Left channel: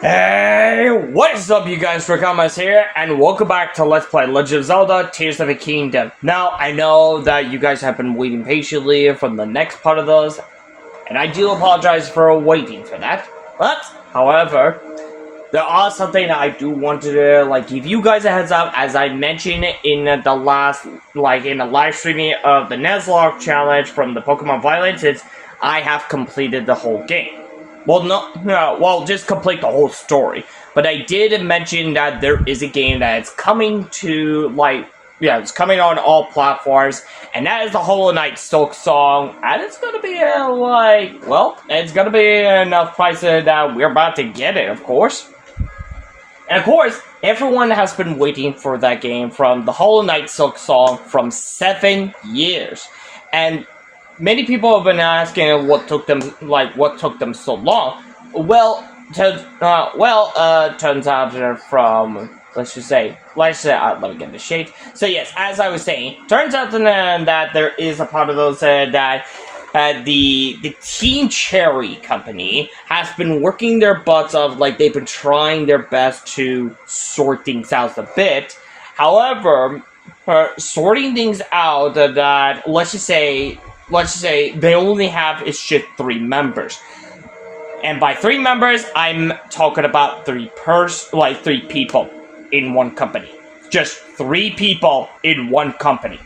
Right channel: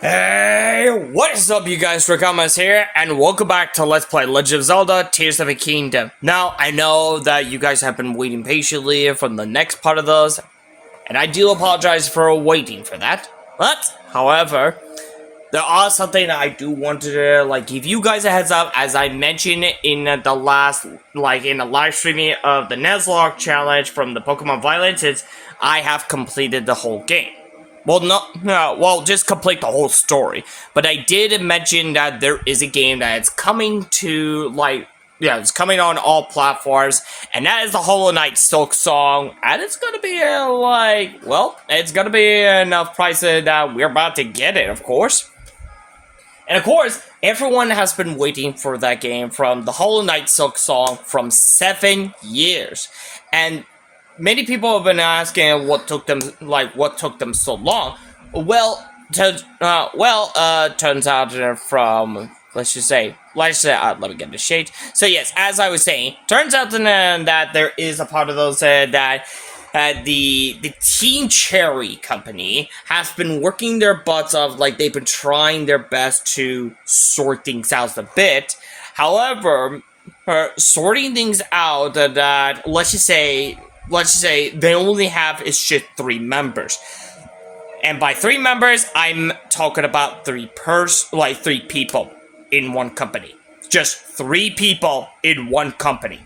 Hey, what is up you guys, Rakamas here, and welcome back to Let's Play Legend of Zelda Tears of the Kingdom. Now, I know that you guys have been waiting patiently for the next part of those, and I do apologize for waiting for that. But, however, there are something I do want to, give you guys a heads up, as I mentioned in the last, in the live streaming of the Nuzlocke challenge from the Pokemon Violence, I have completed the whole game. Well, just complete the whole story. But I did mention that there is a game that is coming to, it's coming on all platforms, and that is the Hollow Knight Silk Song, and it's gonna be, it's gonna be enough price that we're about to get it, of course. And of course, everyone has been waiting for that game from the Hollow Knight Silk Song from 7 years. And many people have been asking what took them so long. Turns out from let me get the shade. So yes, as I was saying, turns out that there is a part of those that the Team Cherry company has been working their butts off, they've been trying their best to sort things out a bit. However, sorting things out that let's just say they only have is just 3 members. And by 3 members, I'm talking about 3 people in one company. Just 3 people in one company.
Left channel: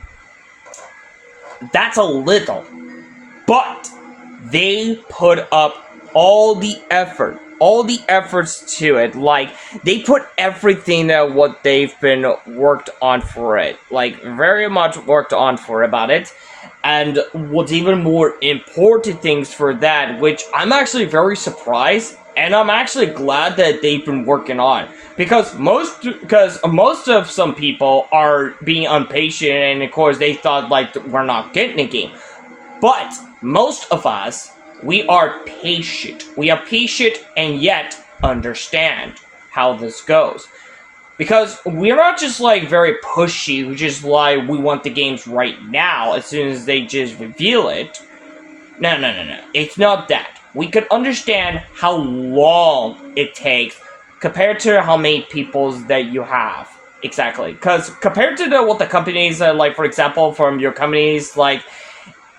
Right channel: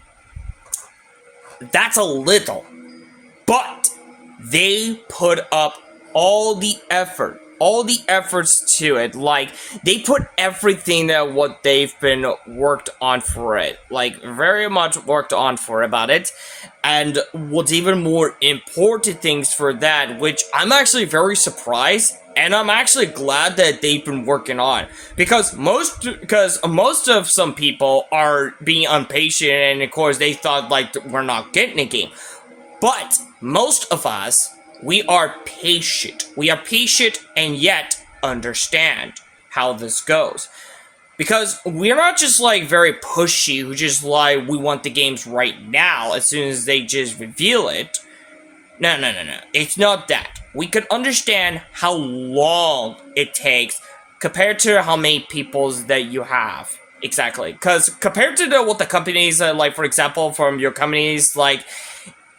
That's a little. But they put up all the efforts to it. They put everything that what they've been worked on for it. Very much worked on for about it. And what's even more important things for that, which I'm actually very surprised, and I'm actually glad that they've been working on, because most of some people are being impatient, and of course they thought we're not getting a game. But most of us, we are patient. We are patient and yet understand how this goes. Because we're not just very pushy, we just we want the games right now as soon as they just reveal it. No. It's not that. We can understand how long it takes compared to how many peoples that you have. Exactly. Because compared to what the companies, for example, from your companies,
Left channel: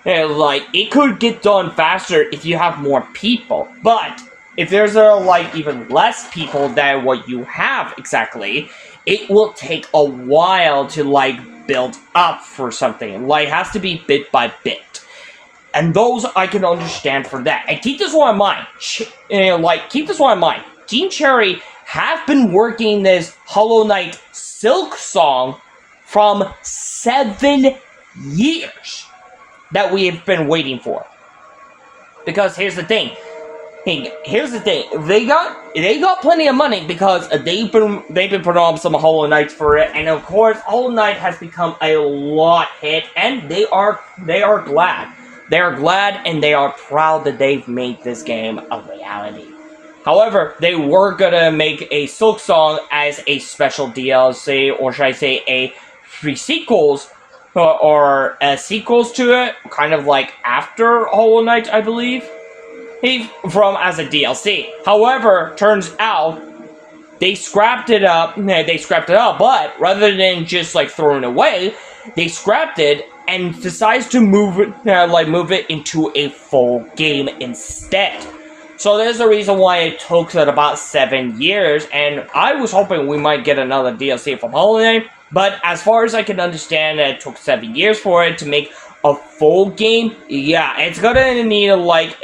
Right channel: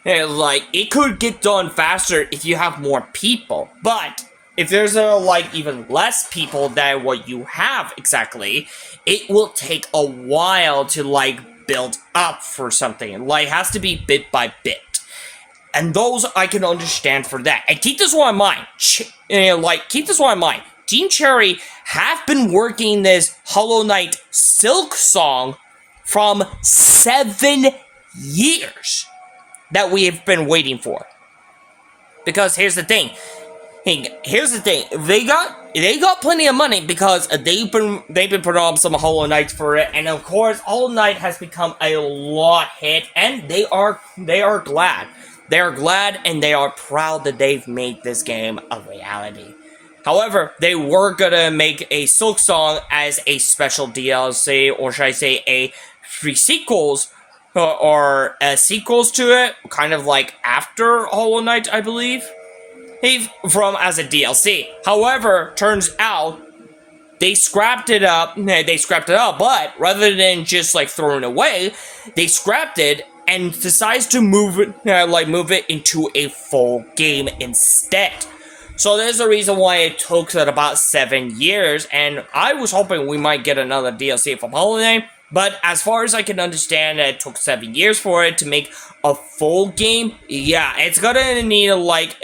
it could get done faster if you have more people. But if there's even less people than what you have exactly, it will take a while to build up for something. It has to be bit by bit. And those I can understand for that. And keep this one in mind. Keep this one in mind. Team Cherry have been working this Hollow Knight Silk Song from 7 years that we have been waiting for. Because here's the thing. They got plenty of money because they've been putting on some Hollow Knights for it, and of course Hollow Knight has become a lot hit, and they are glad. They are glad and they are proud that they've made this game a reality. However, they were gonna make a Silk Song as a special DLC, or should I say a free sequels, or sequels to it, kind of after Hollow Knight, I believe. As a DLC. However, turns out they scrapped it up. But rather than just throwing it away, they scrapped it and decides to move it into a full game instead. So there's a reason why it took about 7 years, and I was hoping we might get another DLC from Hollow Knight. But as far as I can understand, it took 7 years for it to make a full game. Yeah, it's gonna need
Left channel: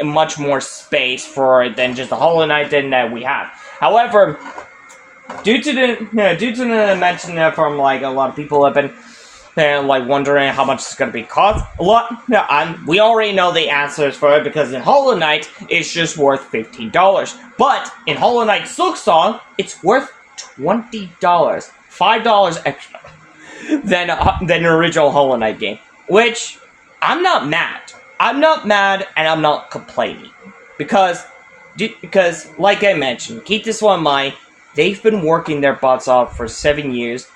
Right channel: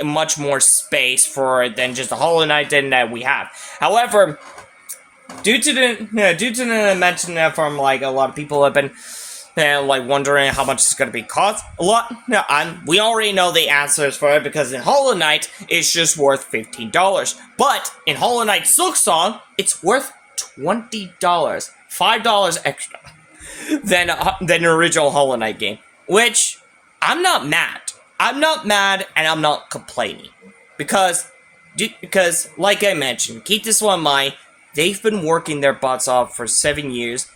much more space for it than just the Hollow Knight that we have. However, due to the mention from a lot of people have been wondering how much it's gonna be cost. We already know the answers for it, because in Hollow Knight it's just worth $15. But in Hollow Knight Silk Song, it's worth $20. $5 extra than the original Hollow Knight game, which I'm not mad. I'm not mad, and I'm not complaining, because like I mentioned, keep this one in mind. They've been working their butts off for 7 years,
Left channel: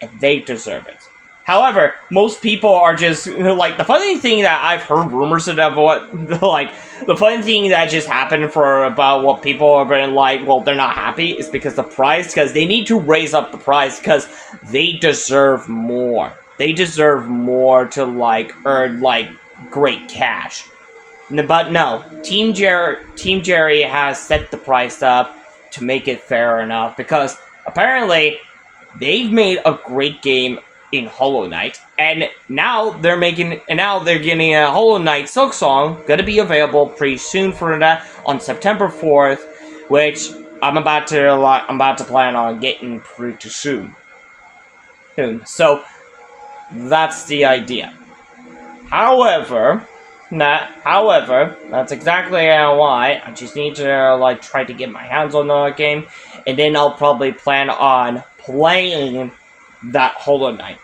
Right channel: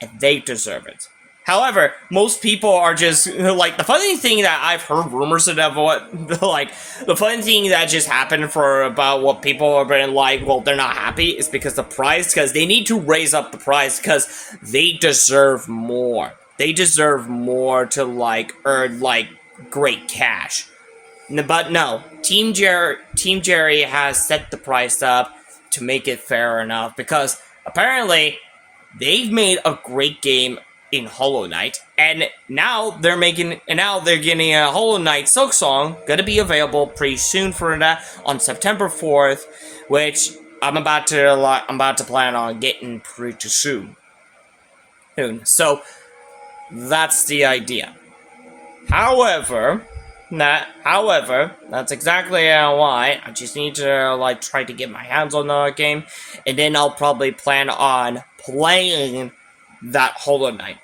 and they deserve it. However, most people are just like the funny thing that I've heard rumors of what like the funny thing that just happened for about what people are been like, well, they're not happy is because the price, because they need to raise up the price because they deserve more. They deserve more to like earn like great cash. But no, Team Jerry has set the price up to make it fair enough because apparently they've made a great game in Hollow Knight, and now they're getting a Hollow Knight Silk Song gonna be available pretty soon for that on September 4th, which I'm about to plan on getting pretty soon. So that's the idea. However, that's exactly why I just need to like try to get my hands on the game, and then I'll probably plan on playing that Hollow Knight.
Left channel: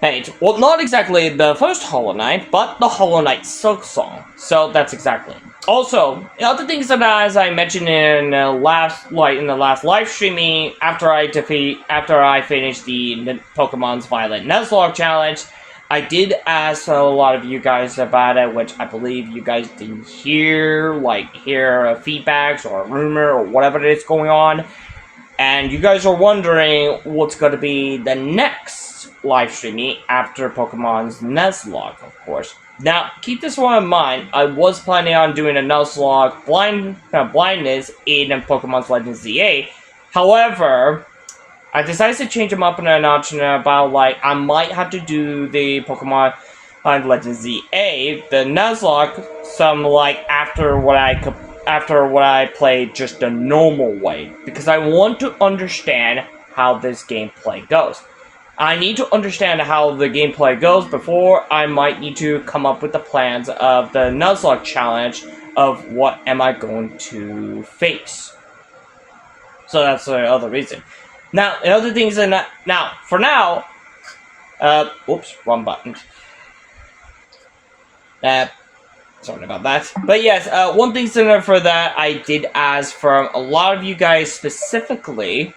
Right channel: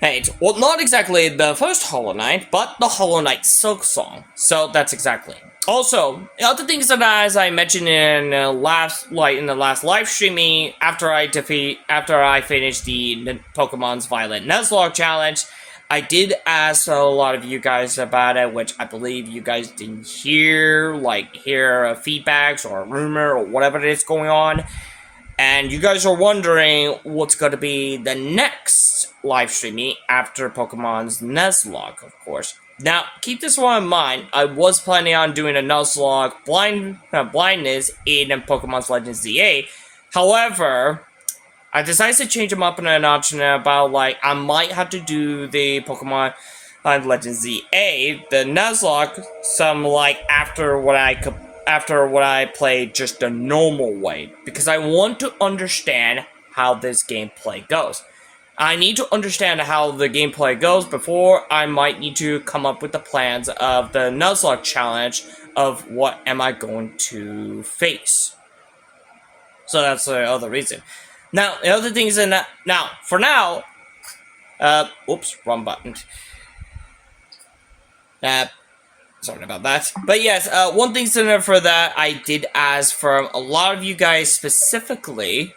Hey, well, not exactly the first Hollow Knight, but the Hollow Knight Silk Song. So that's exactly. Also, other things that, as I mentioned in the last live streaming, after I finished the Pokemon's Violet Nuzlocke challenge, I did ask a lot of you guys about it, which I believe you guys didn't hear feedbacks or a rumor or whatever it is going on. And you guys are wondering what's going to be the next live streaming after Pokemon's Nuzlocke, of course. Now, keep this one in mind. I was planning on doing a Nuzlocke blindness in Pokemon's Legends ZA. However, I decided to change them up in an option about, like, I might have to do the Pokemon Legends ZA, the Nuzlocke, some, like, after what I played just the normal way, because I want to understand how this gameplay goes. I need to understand how the gameplay goes before I might need to come up with the plans of the Nuzlocke challenge of what am I going to face. So that's the other reason. Now, the other things in that, oops, wrong button. Sorry about that. But yes, one thing similar for that, I did ask from a lot of you guys specifically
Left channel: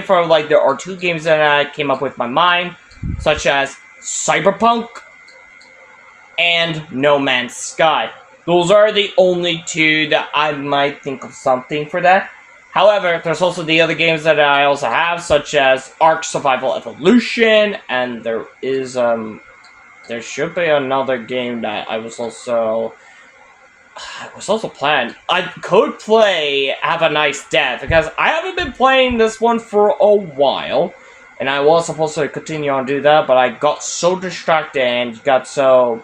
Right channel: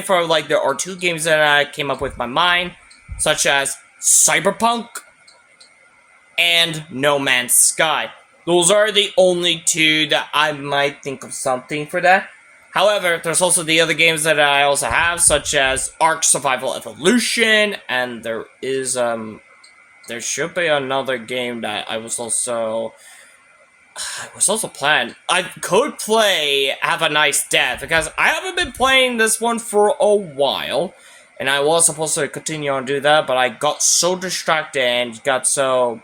from, like, there are two games that I came up with my mind, such as Cyberpunk and No Man's Sky. Those are the only two that I might think of something for that. However, there's also the other games that I also have, such as Ark Survival Evolution, and there should be another game that I was also planned. I could play Have a Nice Death, because I haven't been playing this one for a while, and I was supposed to continue on do that, but I got so distracted and got so,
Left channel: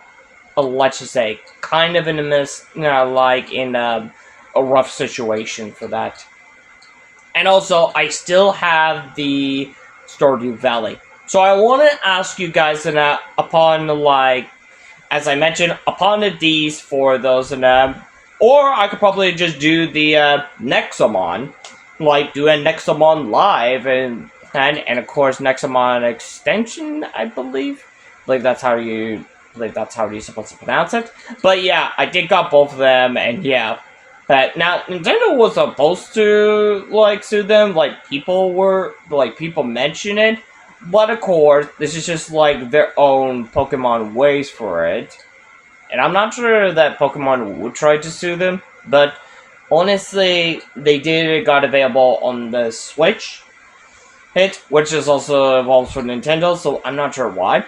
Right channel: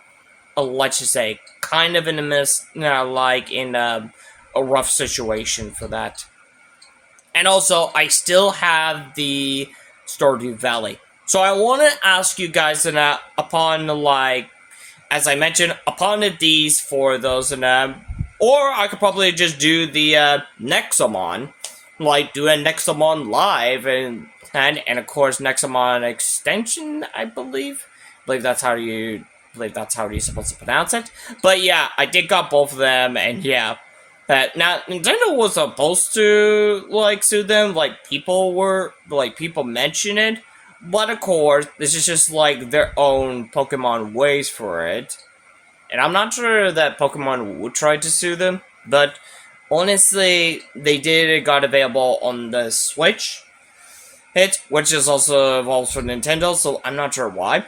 let's just say, kind of in a rough situation for that. And also, I still have the Stardew Valley. So I want to ask you guys upon, like, as I mentioned, upon these for those or I could probably just do the Nexomon, like do a Nexomon live and of course Nexomon extension, I believe that's how you're supposed to pronounce it. But yeah, I did got both of them, and yeah. Now, Nintendo was supposed to, like, sue them, people mention it, but of course, this is just, like, their own Pokemon ways for it, and I'm not sure that Pokemon would try to sue them, but honestly, it got available on the Switch, which is also involved for Nintendo, so I'm not sure why.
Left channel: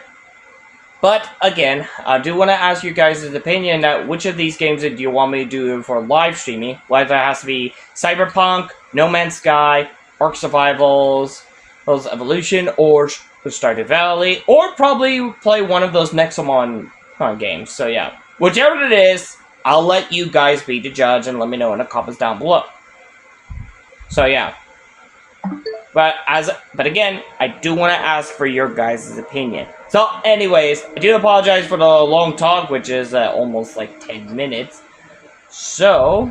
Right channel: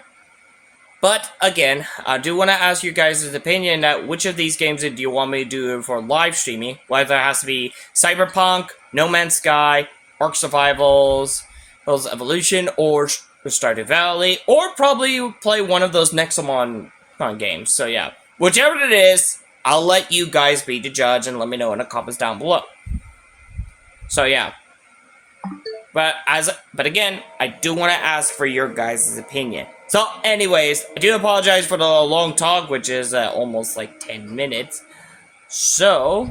But again, I do want to ask you guys' opinion that which of these games do you want me to do for live streaming? Whether it has to be Cyberpunk, No Man's Sky, Ark Survivals, Evolution, or Stardew Valley, or probably play one of those Nexomon games. So yeah, whichever it is, I'll let you guys be the judge and let me know in the comments down below. So yeah. But again, I do want to ask for your guys' opinion. So anyways, I do apologize for the long talk, which is almost like 10 minutes. So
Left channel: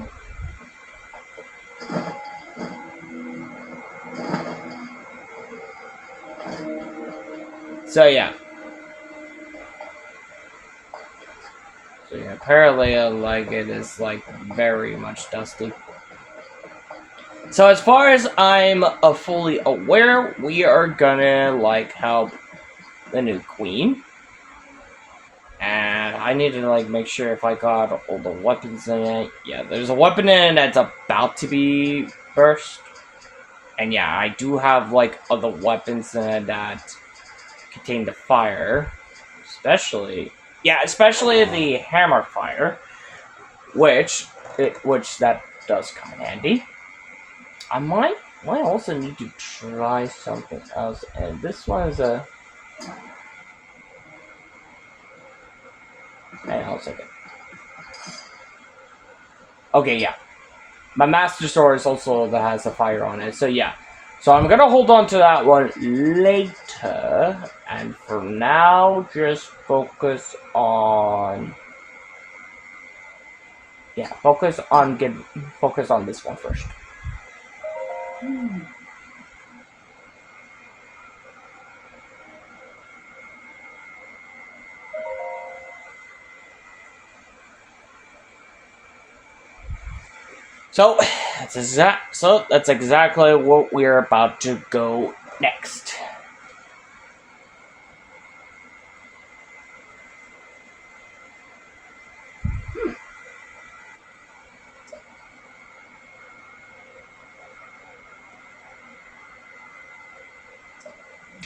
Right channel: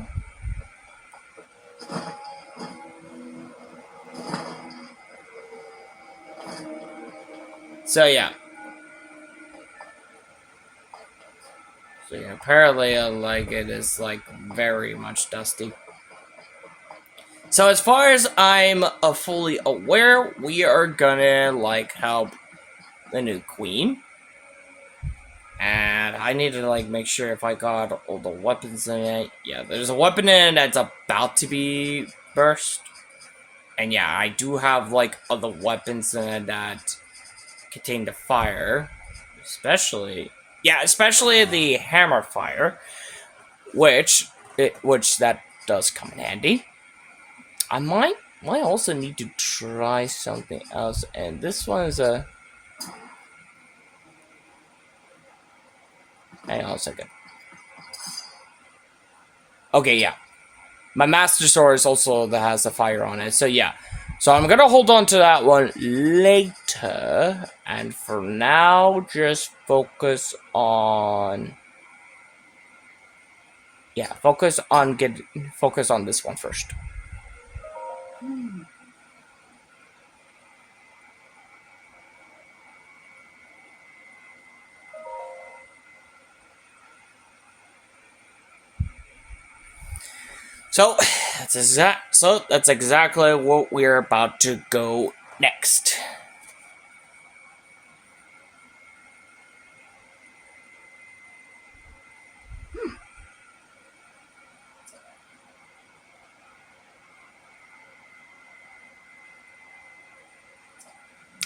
yeah. So yeah, apparently like it is like very much dusty. So as far as I'm fully aware, we are gonna like help the new queen. And I need to like make sure if I got all the weapons in it. Yeah, there's a weapon in it that's about to be burst. And yeah, I do have like other weapons in it that contain the fire. Especially the hammer fire. Which that does come in handy. I might also need to try something else, and this one is a. Hang on a second. Okay, yeah. My Master Sword is also that has a fire on it, so yeah. So I'm gonna hold on to that one later, and for now, just focus on. Yeah, focus on this one first. So that's exactly what we're about to go next.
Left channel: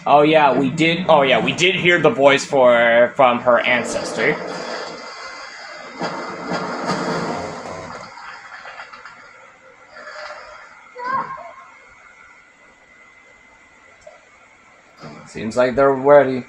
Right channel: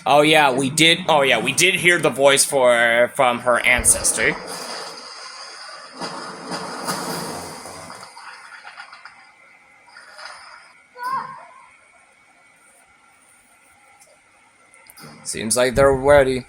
Oh yeah, we did. Oh yeah, we did hear the voice from her ancestor. Seems like they're ready.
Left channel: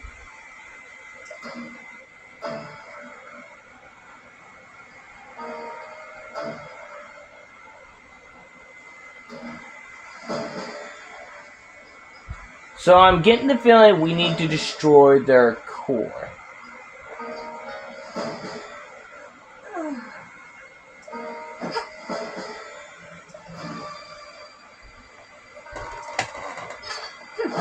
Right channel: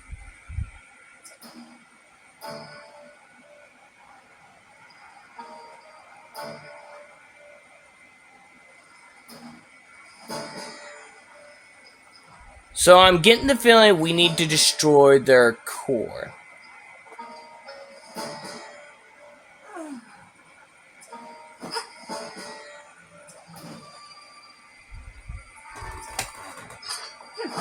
So I'm getting the feeling we need to destroy their core.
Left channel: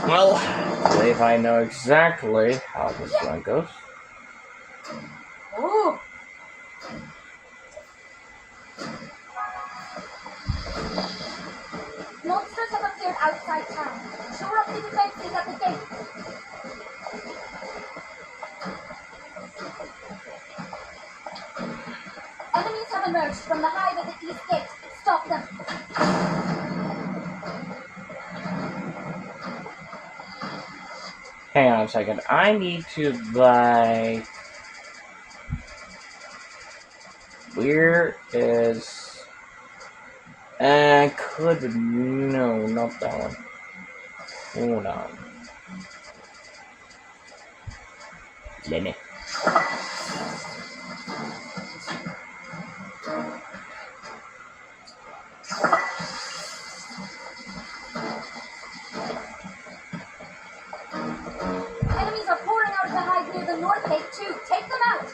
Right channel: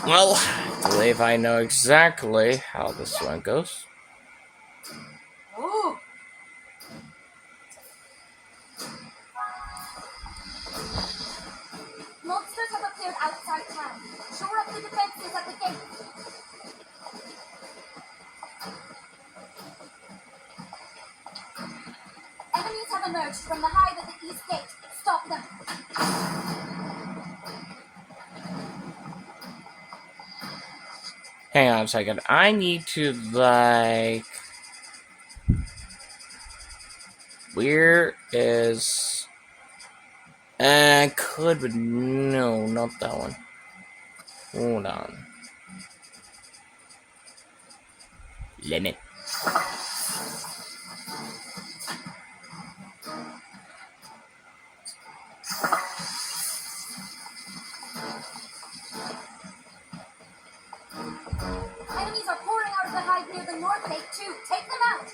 Well, I believe I know exactly how this one goes. Oh. Monsters have appeared outside town. Shore up the defenses at the gate. Enemies have emerged from the hive at the east gate. Stop them. Hang on a second. I need to, like... Where is... could... No, not that one. Hold on. Limit. Enemies are pouring out of the hive near the north gate too. Take them out.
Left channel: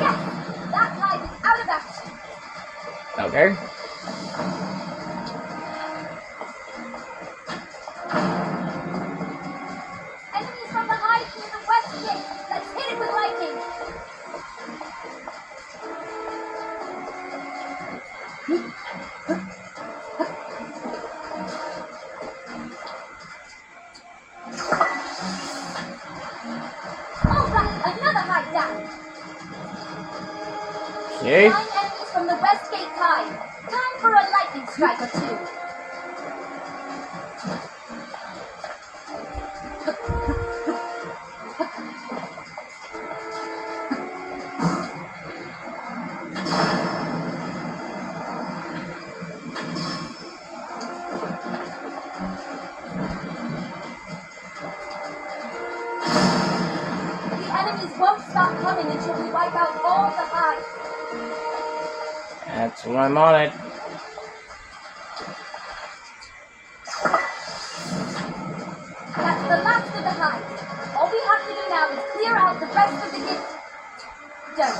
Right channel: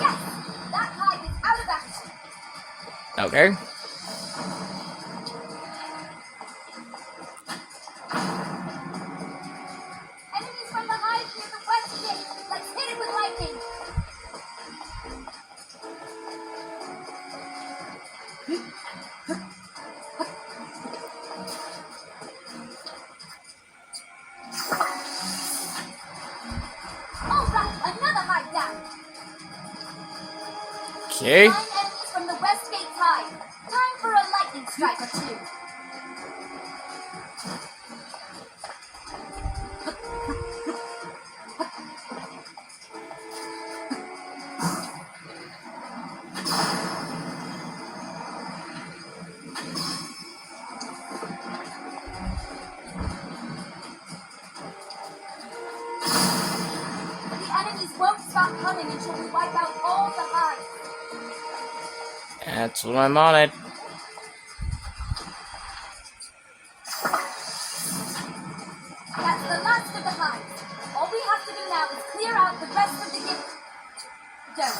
Yes, that hive is out of action. Okay. Enemies from the hive near the west gate. Let's hit it with lightning. All right, another hive down. Okay. 9 enemies from the west gate hive. Time for a lightning strike or two. The enemies won't stop coming until we wipe out all the hives. That's what I'm on it. That's the last of the hives. All we have to do now is clear out the rest of the gift. Done.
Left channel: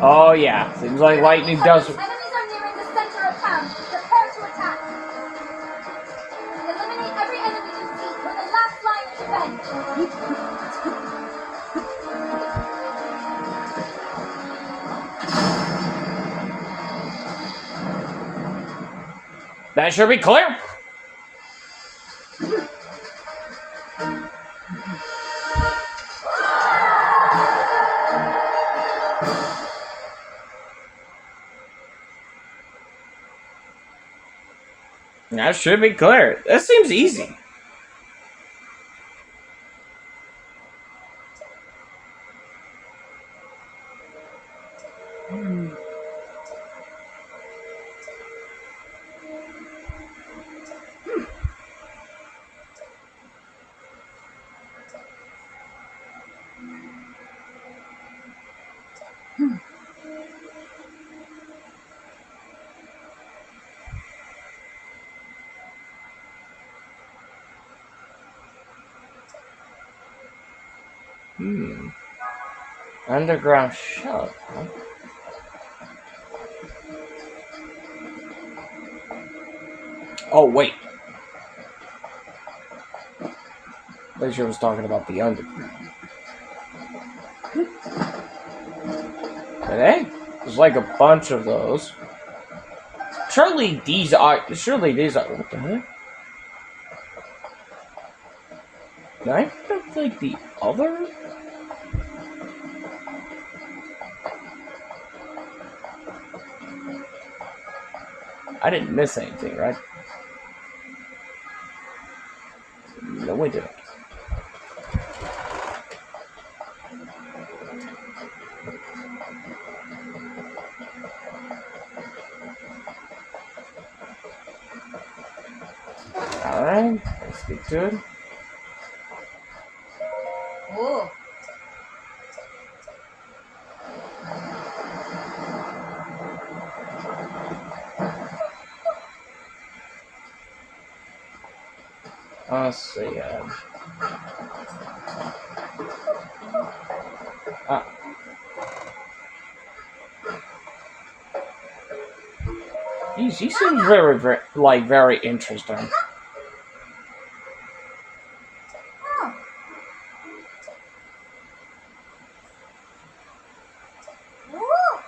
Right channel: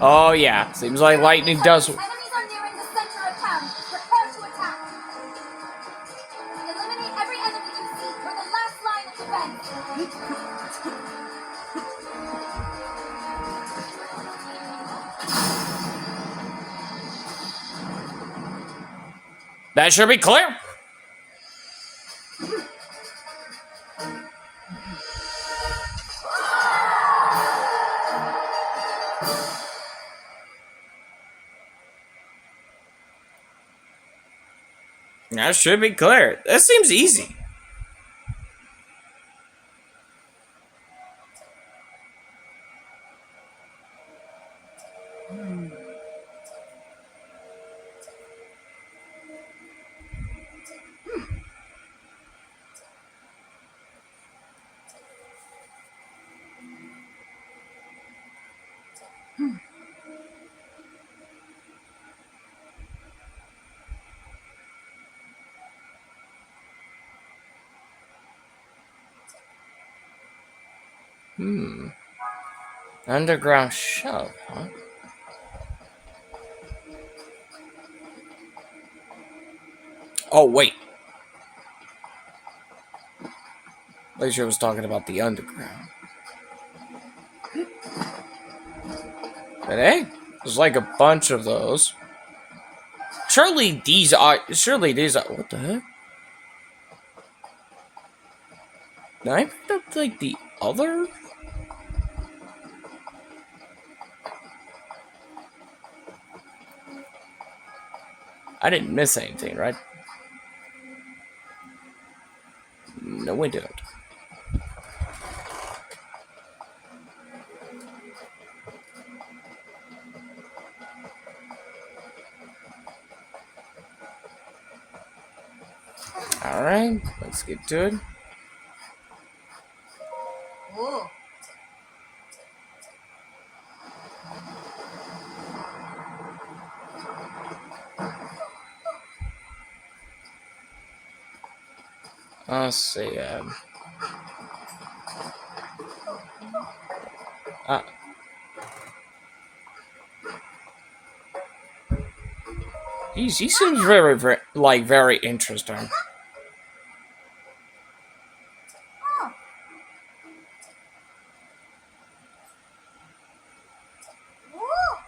Oh yeah, seems like lightning does... Enemies are nearing the center of town. Prepare to attack. Eliminate every enemy you see. We're the last line of defense. That should be clear. That should be clear. That seems easy. Underground shop, huh? Oh, wait. Laser was talking about the underground. But hey, there's like a bunch of those. Surely these are. What the heck? I that's like the other. I didn't miss anything, right? No, we didn't. Alright, let's get to it. Whoa. Let's see. He seems very interesting. Oh. Whoa.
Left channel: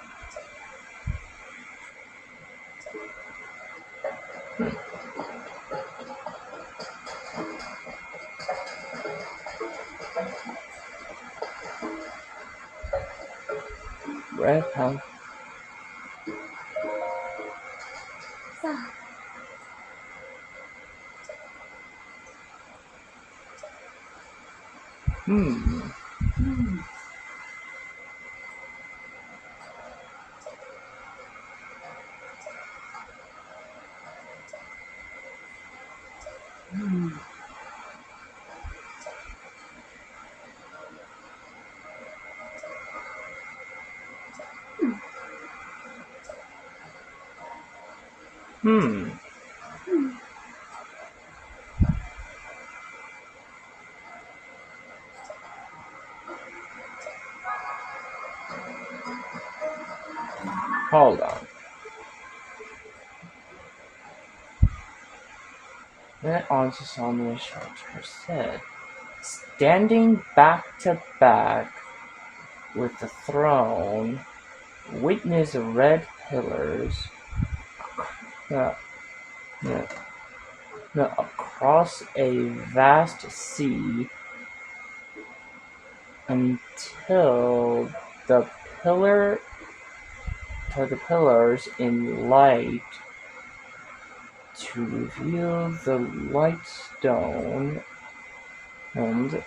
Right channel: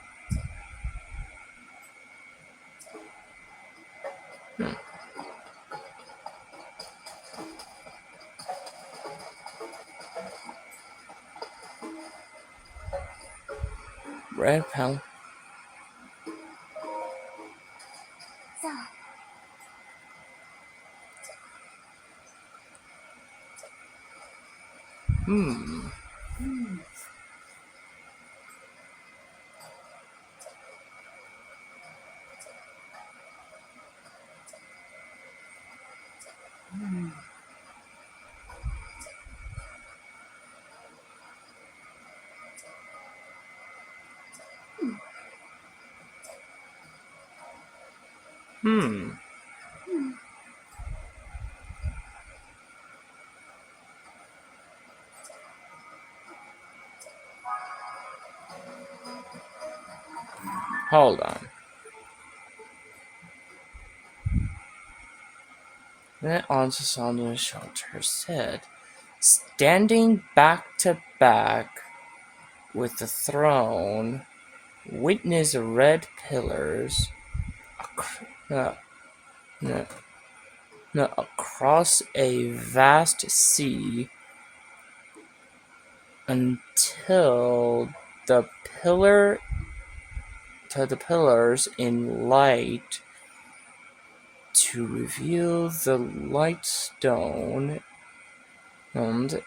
Red pound. So. Hold on. Then on to sound the shelter said, standing back to back with the throne, witness red pillars across a vast sea until the pillars in light to reveal the light stone and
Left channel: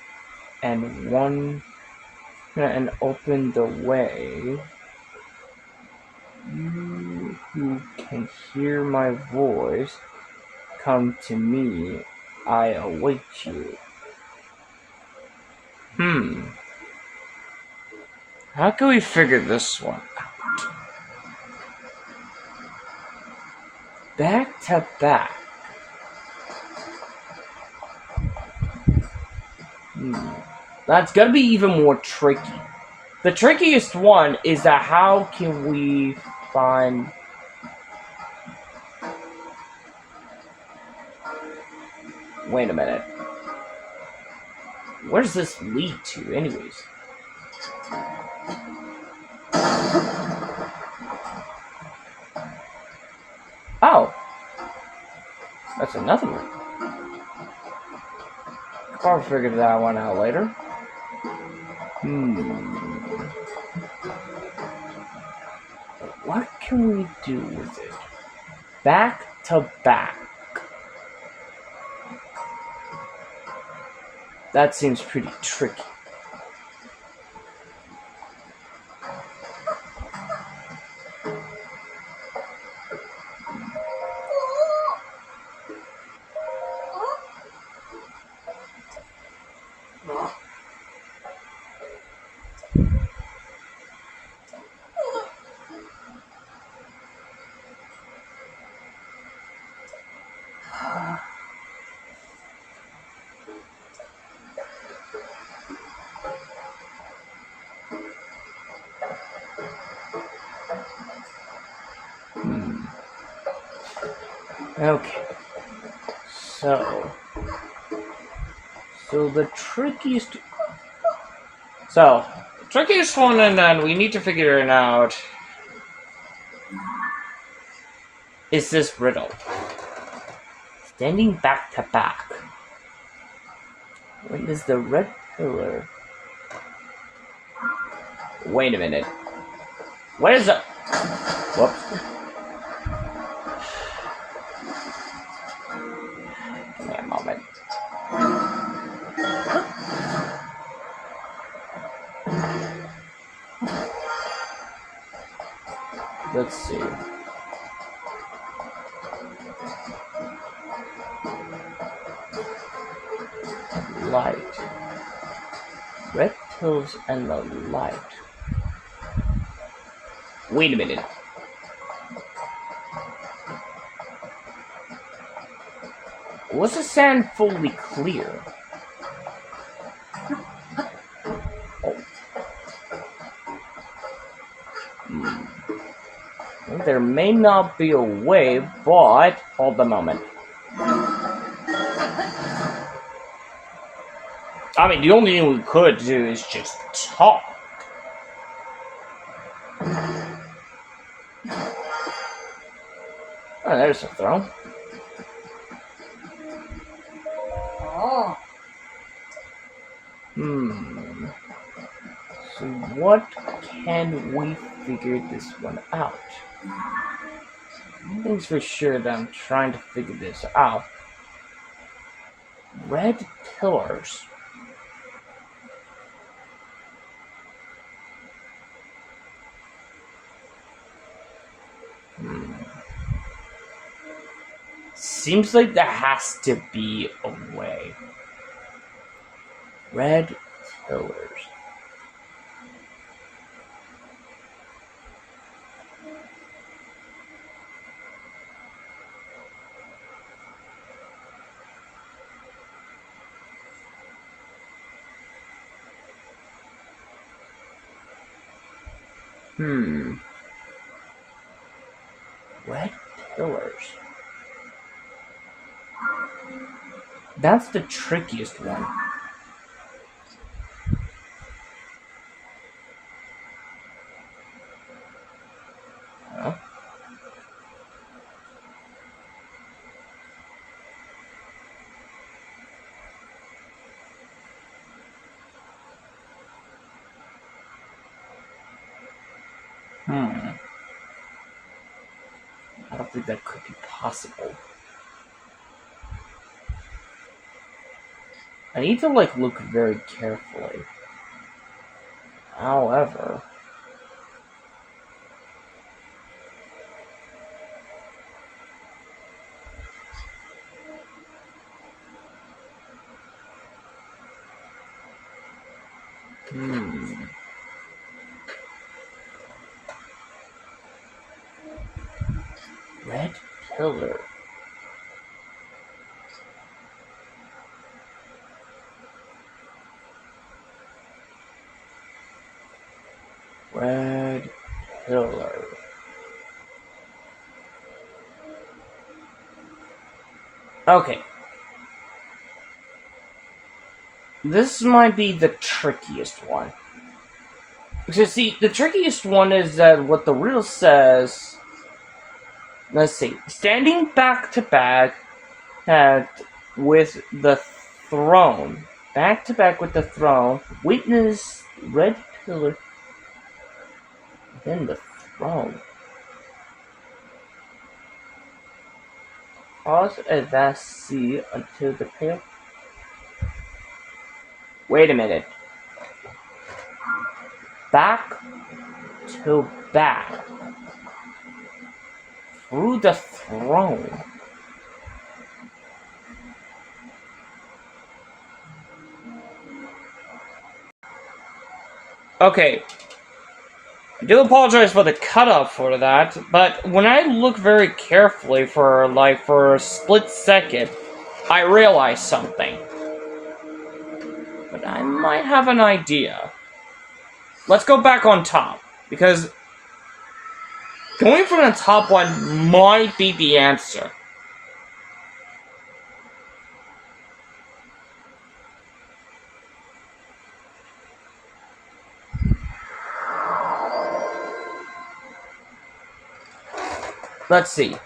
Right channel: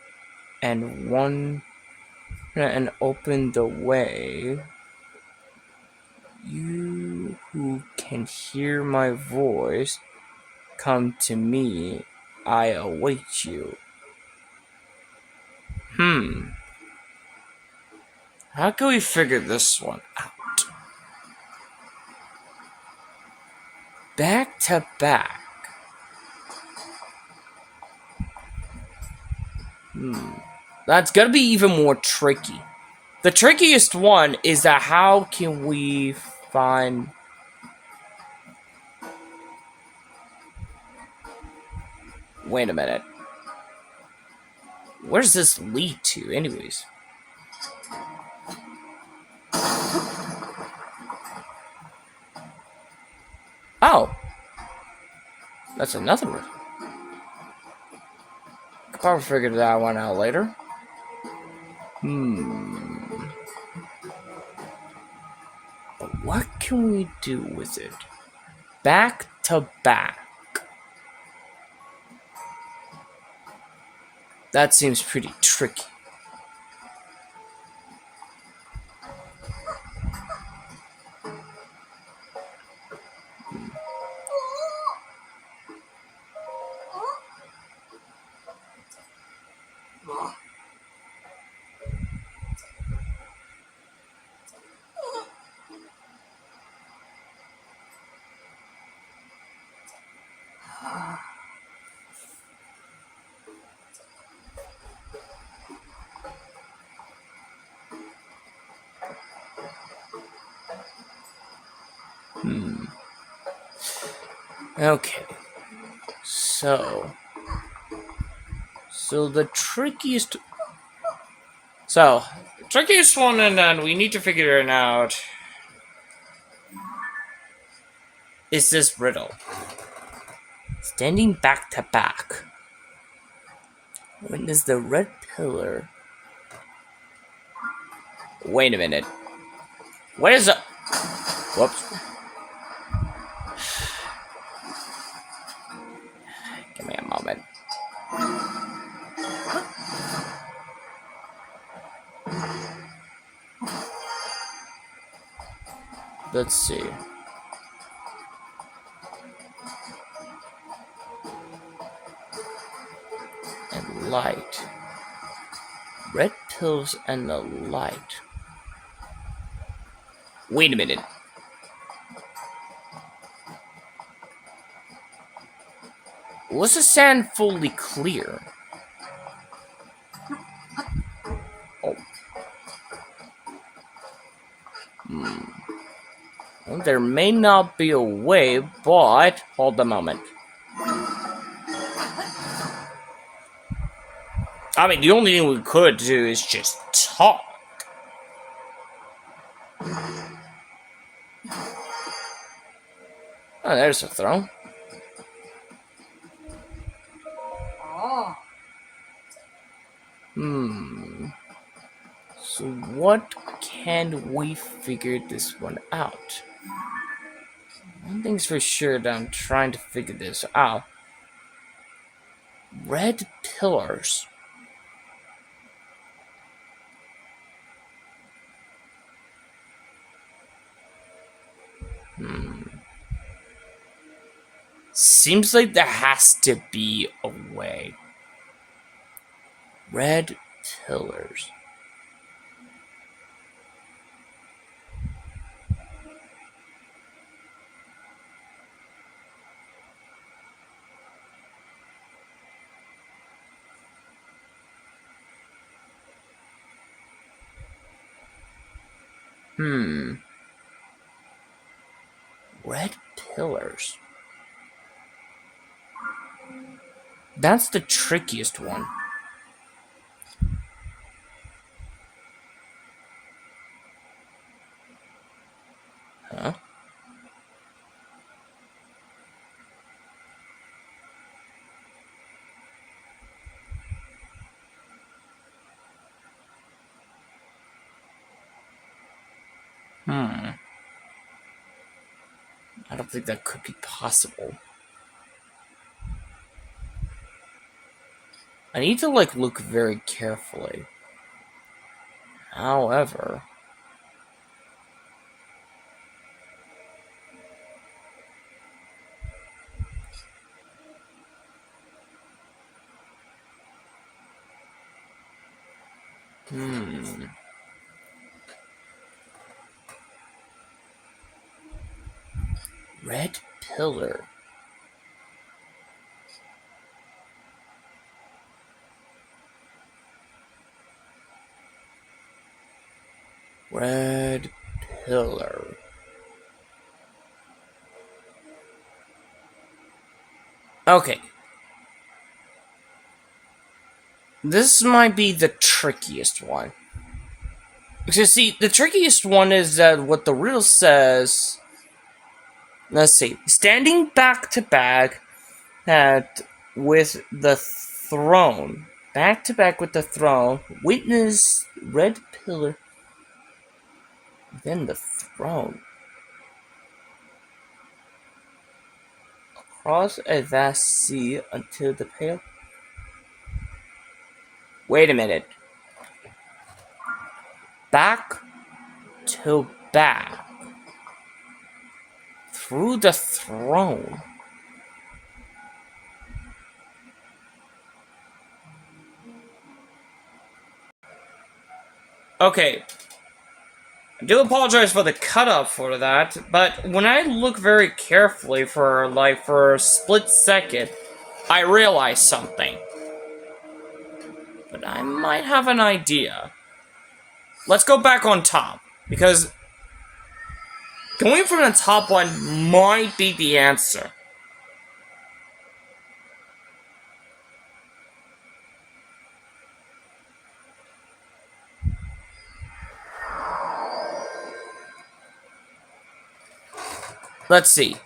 open the way. You who can hear my voice, come to me, I await you. How can we figure this one out? Back to back. That's gonna be even more tricky. The trickiest one is that how can we find... Wait a minute. Where does this lead to, anyways? Oh. That's another one. Could probably figure that one out later. But what can we do with it? Back to back. That seems pretty tricky. Okay. So the trickiest... So, trickiest one, and then we need to figure it out, is this riddle. Standing back to back. When is the red pillar? Wait a minute. What is it? Whoops. Give me a moment. Let's see. And light. Red pills and the light. Wait a minute. Was the sand fully clear? Oh. Well, there may not be a way, but hold a moment. I mean, the only thing we could do is just talk. Oh, there's a throne. Oh. So what can we figure this one out? One thing's for sure that I'm trying to figure this out. Red pillars. Seems like there has to be a way. Red pillars. Red pillars. That's the trickiest one. Huh? I don't think that could be possible. I need to, look very carefully. However... Red pillar. Red pillar. Okay. This might be the trickiest one. Because, see, the trickiest one is that what the riddle says... Let's see. Standing back to back, had with the throne. Back to back with the throne. Witness red pillar within the throne. Cross a vast sea until the pale. Wait a minute. Back to back. Through the throne. Okay. I do apologize for the cutoff for that, but when I look very carefully for a split second, I realize something. But I might have an idea. Let's go back on top, because going from the top one might be the answer. Let's see.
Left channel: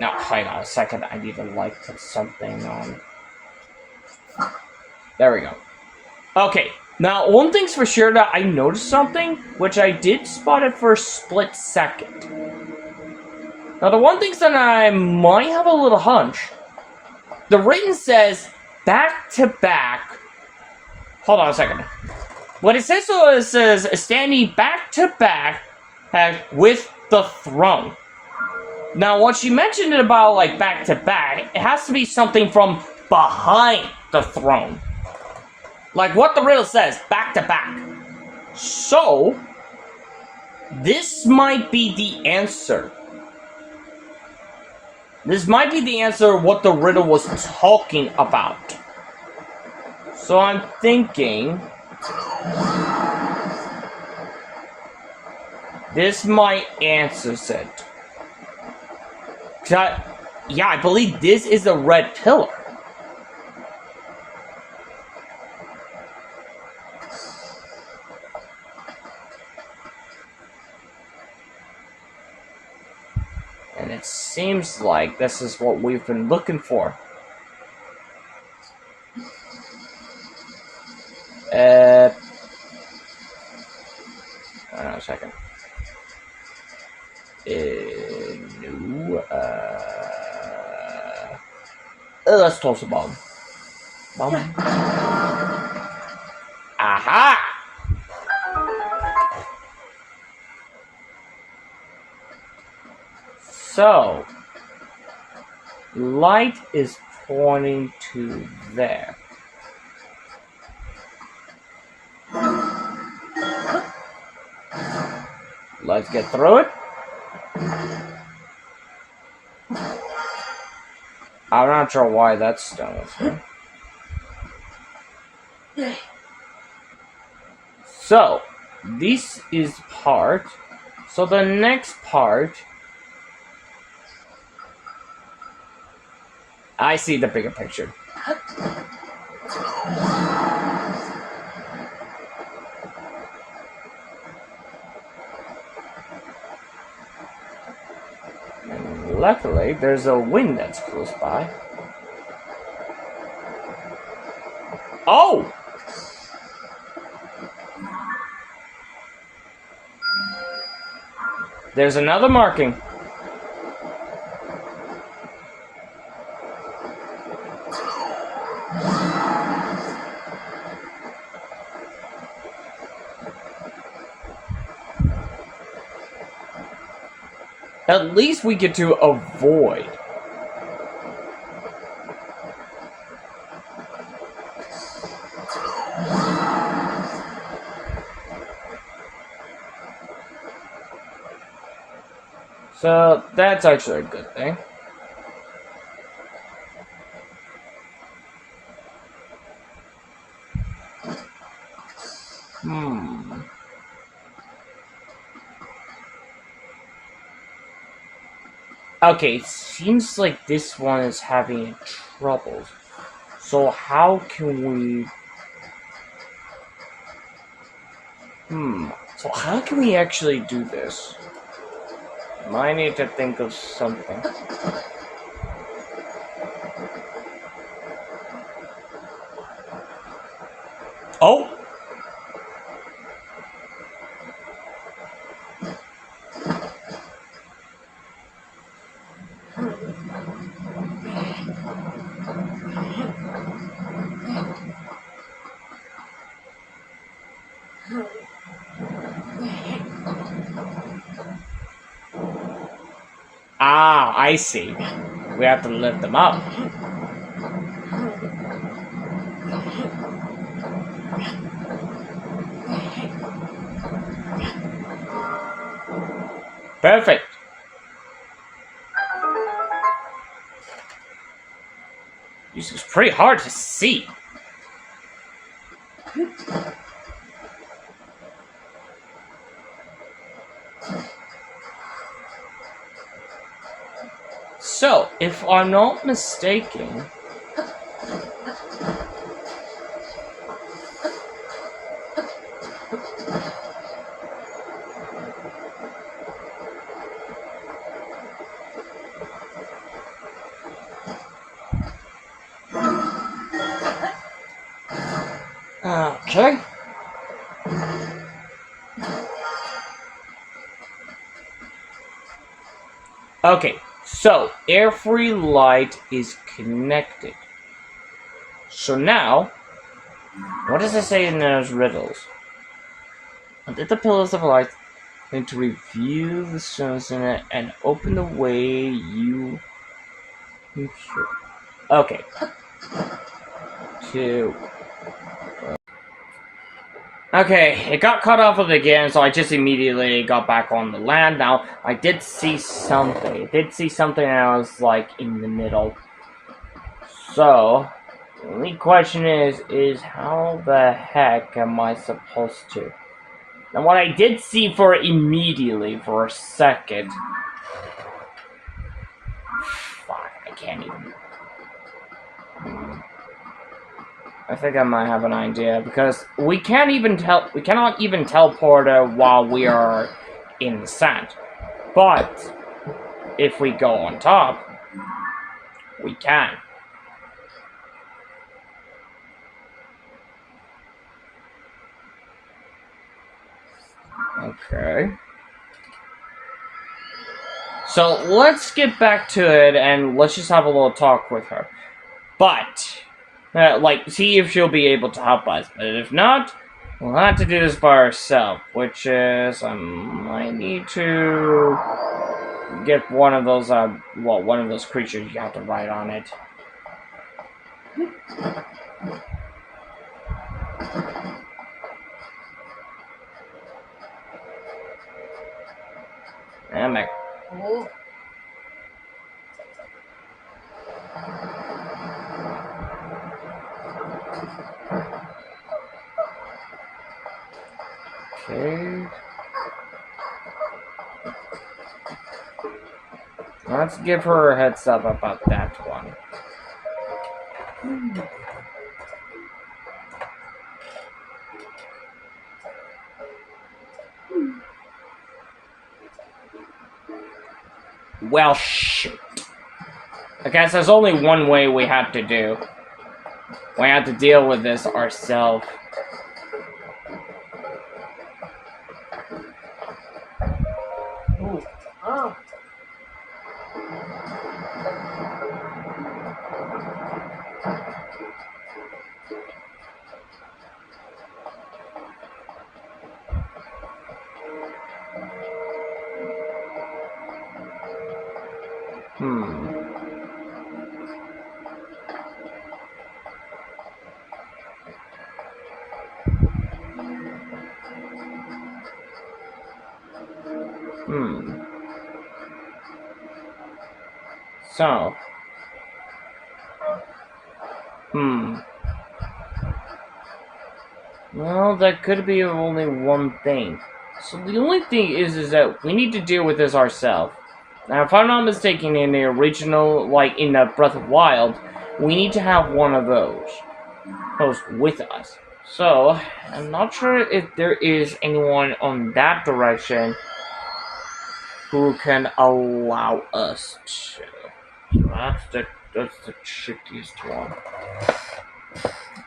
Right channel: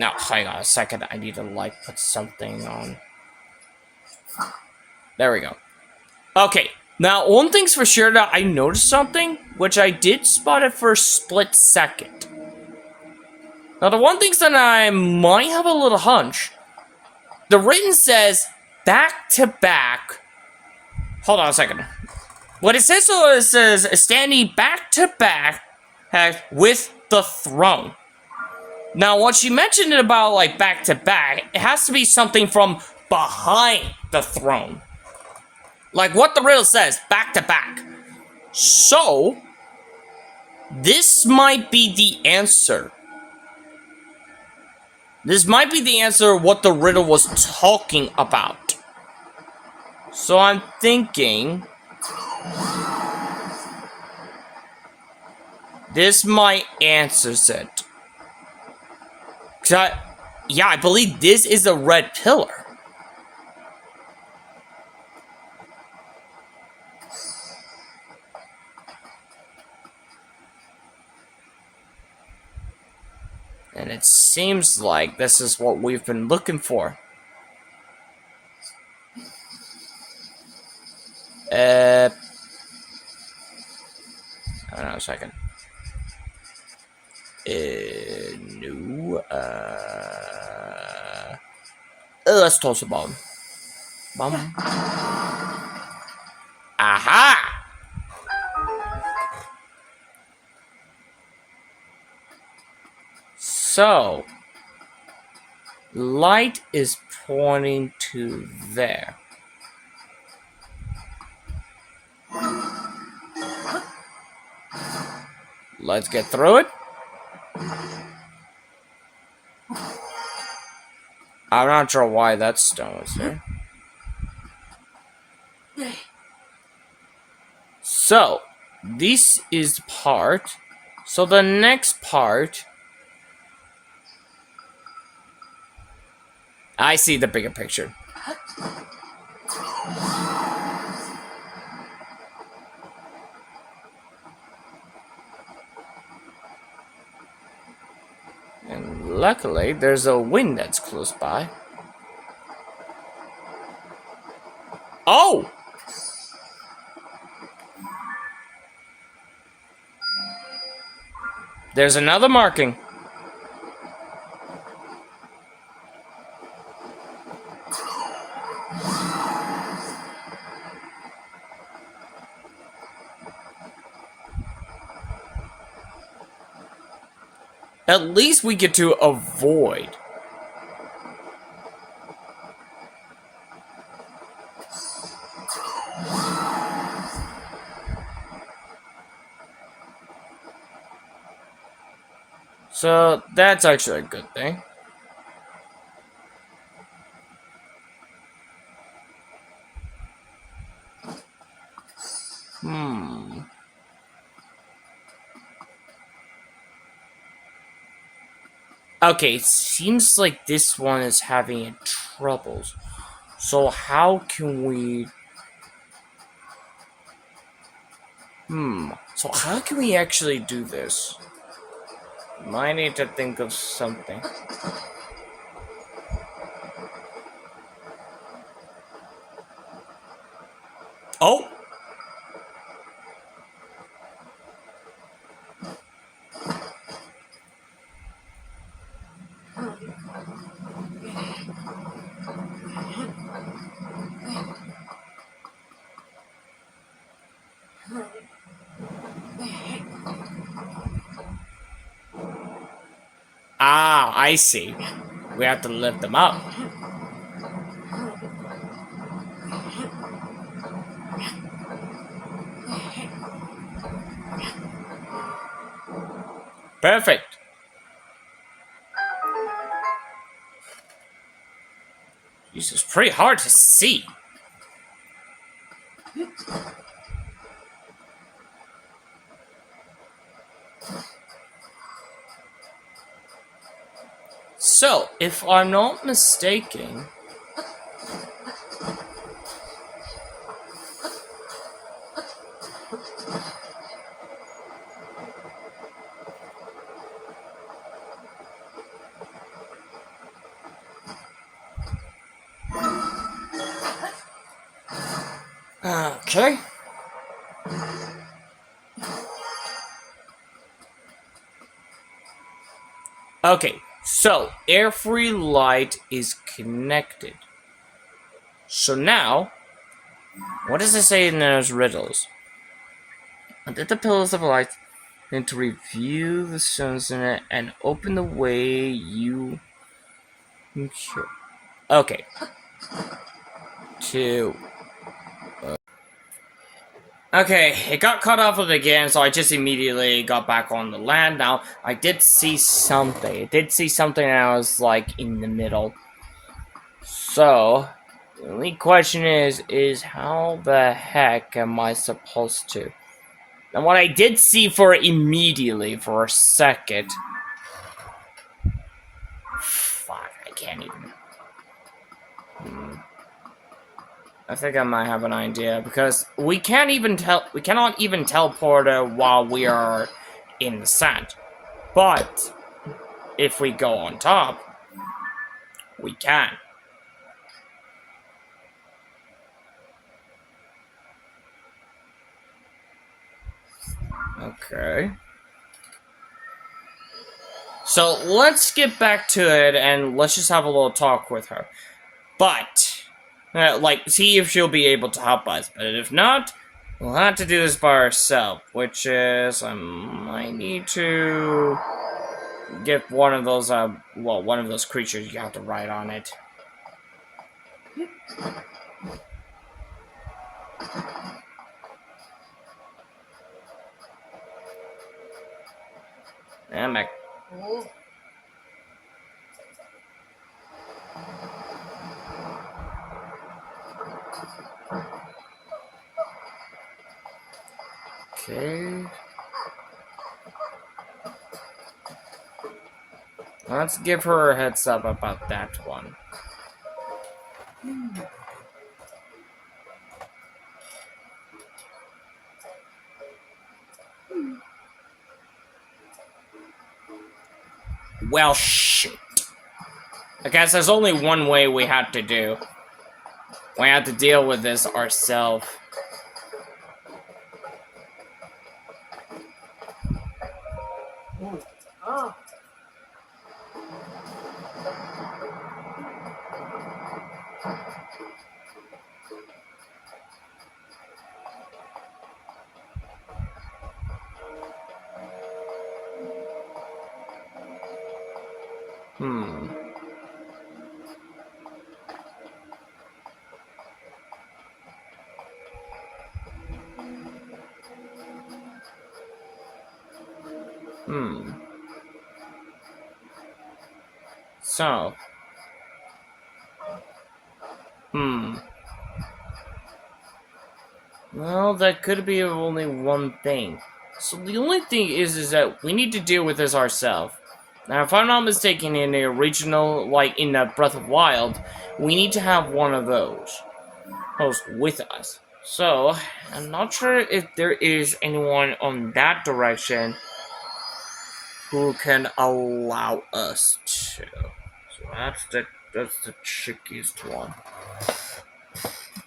Now, hang on a second. I need to, put something on. There we go. Okay. Now, one thing's for sure that I noticed something, which I did spot it for a split second. Now, the one thing that I might have a little hunch. The written says, back to back. Hold on a second. What it says, so it says, standing back to back with the throne. Now, when she mentioned it about, back to back, it has to be something from behind the throne. Like what the riddle says, back to back. So, this might be the answer. This might be the answer of what the riddle was talking about. So I'm thinking this might answers it. I believe this is a red pillar. And it seems like this is what we've been looking for. Hold on a second. No. Let's toss a bomb. Bomb. Aha! So, light is pointing to there. Let's get through it. I'm not sure why that stone was here. So, this is part. So the next part... I see the bigger picture. And luckily, there's a wing that's close by. Oh! There's another marking. At least we get to avoid. So, that's actually a good thing. Okay, it seems like this one is having troubles. So how can we... So how can we actually do this? Might need to think of something. Oh! Ah, I see. We have to lift them up. Perfect. This is pretty hard to see. So, if I'm not mistaken... Okay. Okay, so every light is connected. So now, what does it say in those riddles? Undid the pillars of light, then to review the stones in it and open the way you... Okay. Okay, it got cut off of again, so I just immediately got back on the land. Now, I did see something. And I was, like, in the middle. So, the only question is how the heck am I supposed to? And what I did see for immediately, for a second... Fuck, I can't even... I think I might have an idea, because we cannot even teleport while we are in the sand. But if we go on top, we can. Okay. So let's get back to it and let's just have a little talk with her. But like, see if she'll be able to help us. But if not, we'll have to do this by ourselves, which is, I might need to get one of those, one of those creatures you have to ride on it. Damn it. Okay. Let's give her a heads up about that one. Well, shit. I guess there's only one way we have to do. We have to deal with this ourselves. So. Well, that could be only one thing. So the only thing is that we need to deal with this ourselves. Now, if I'm not mistaken, in the original, like in the Breath of Wild, we need to have one of those with us. So, I'm not sure if there is anyone on that direction who can allow us to. So that's the trickiest one.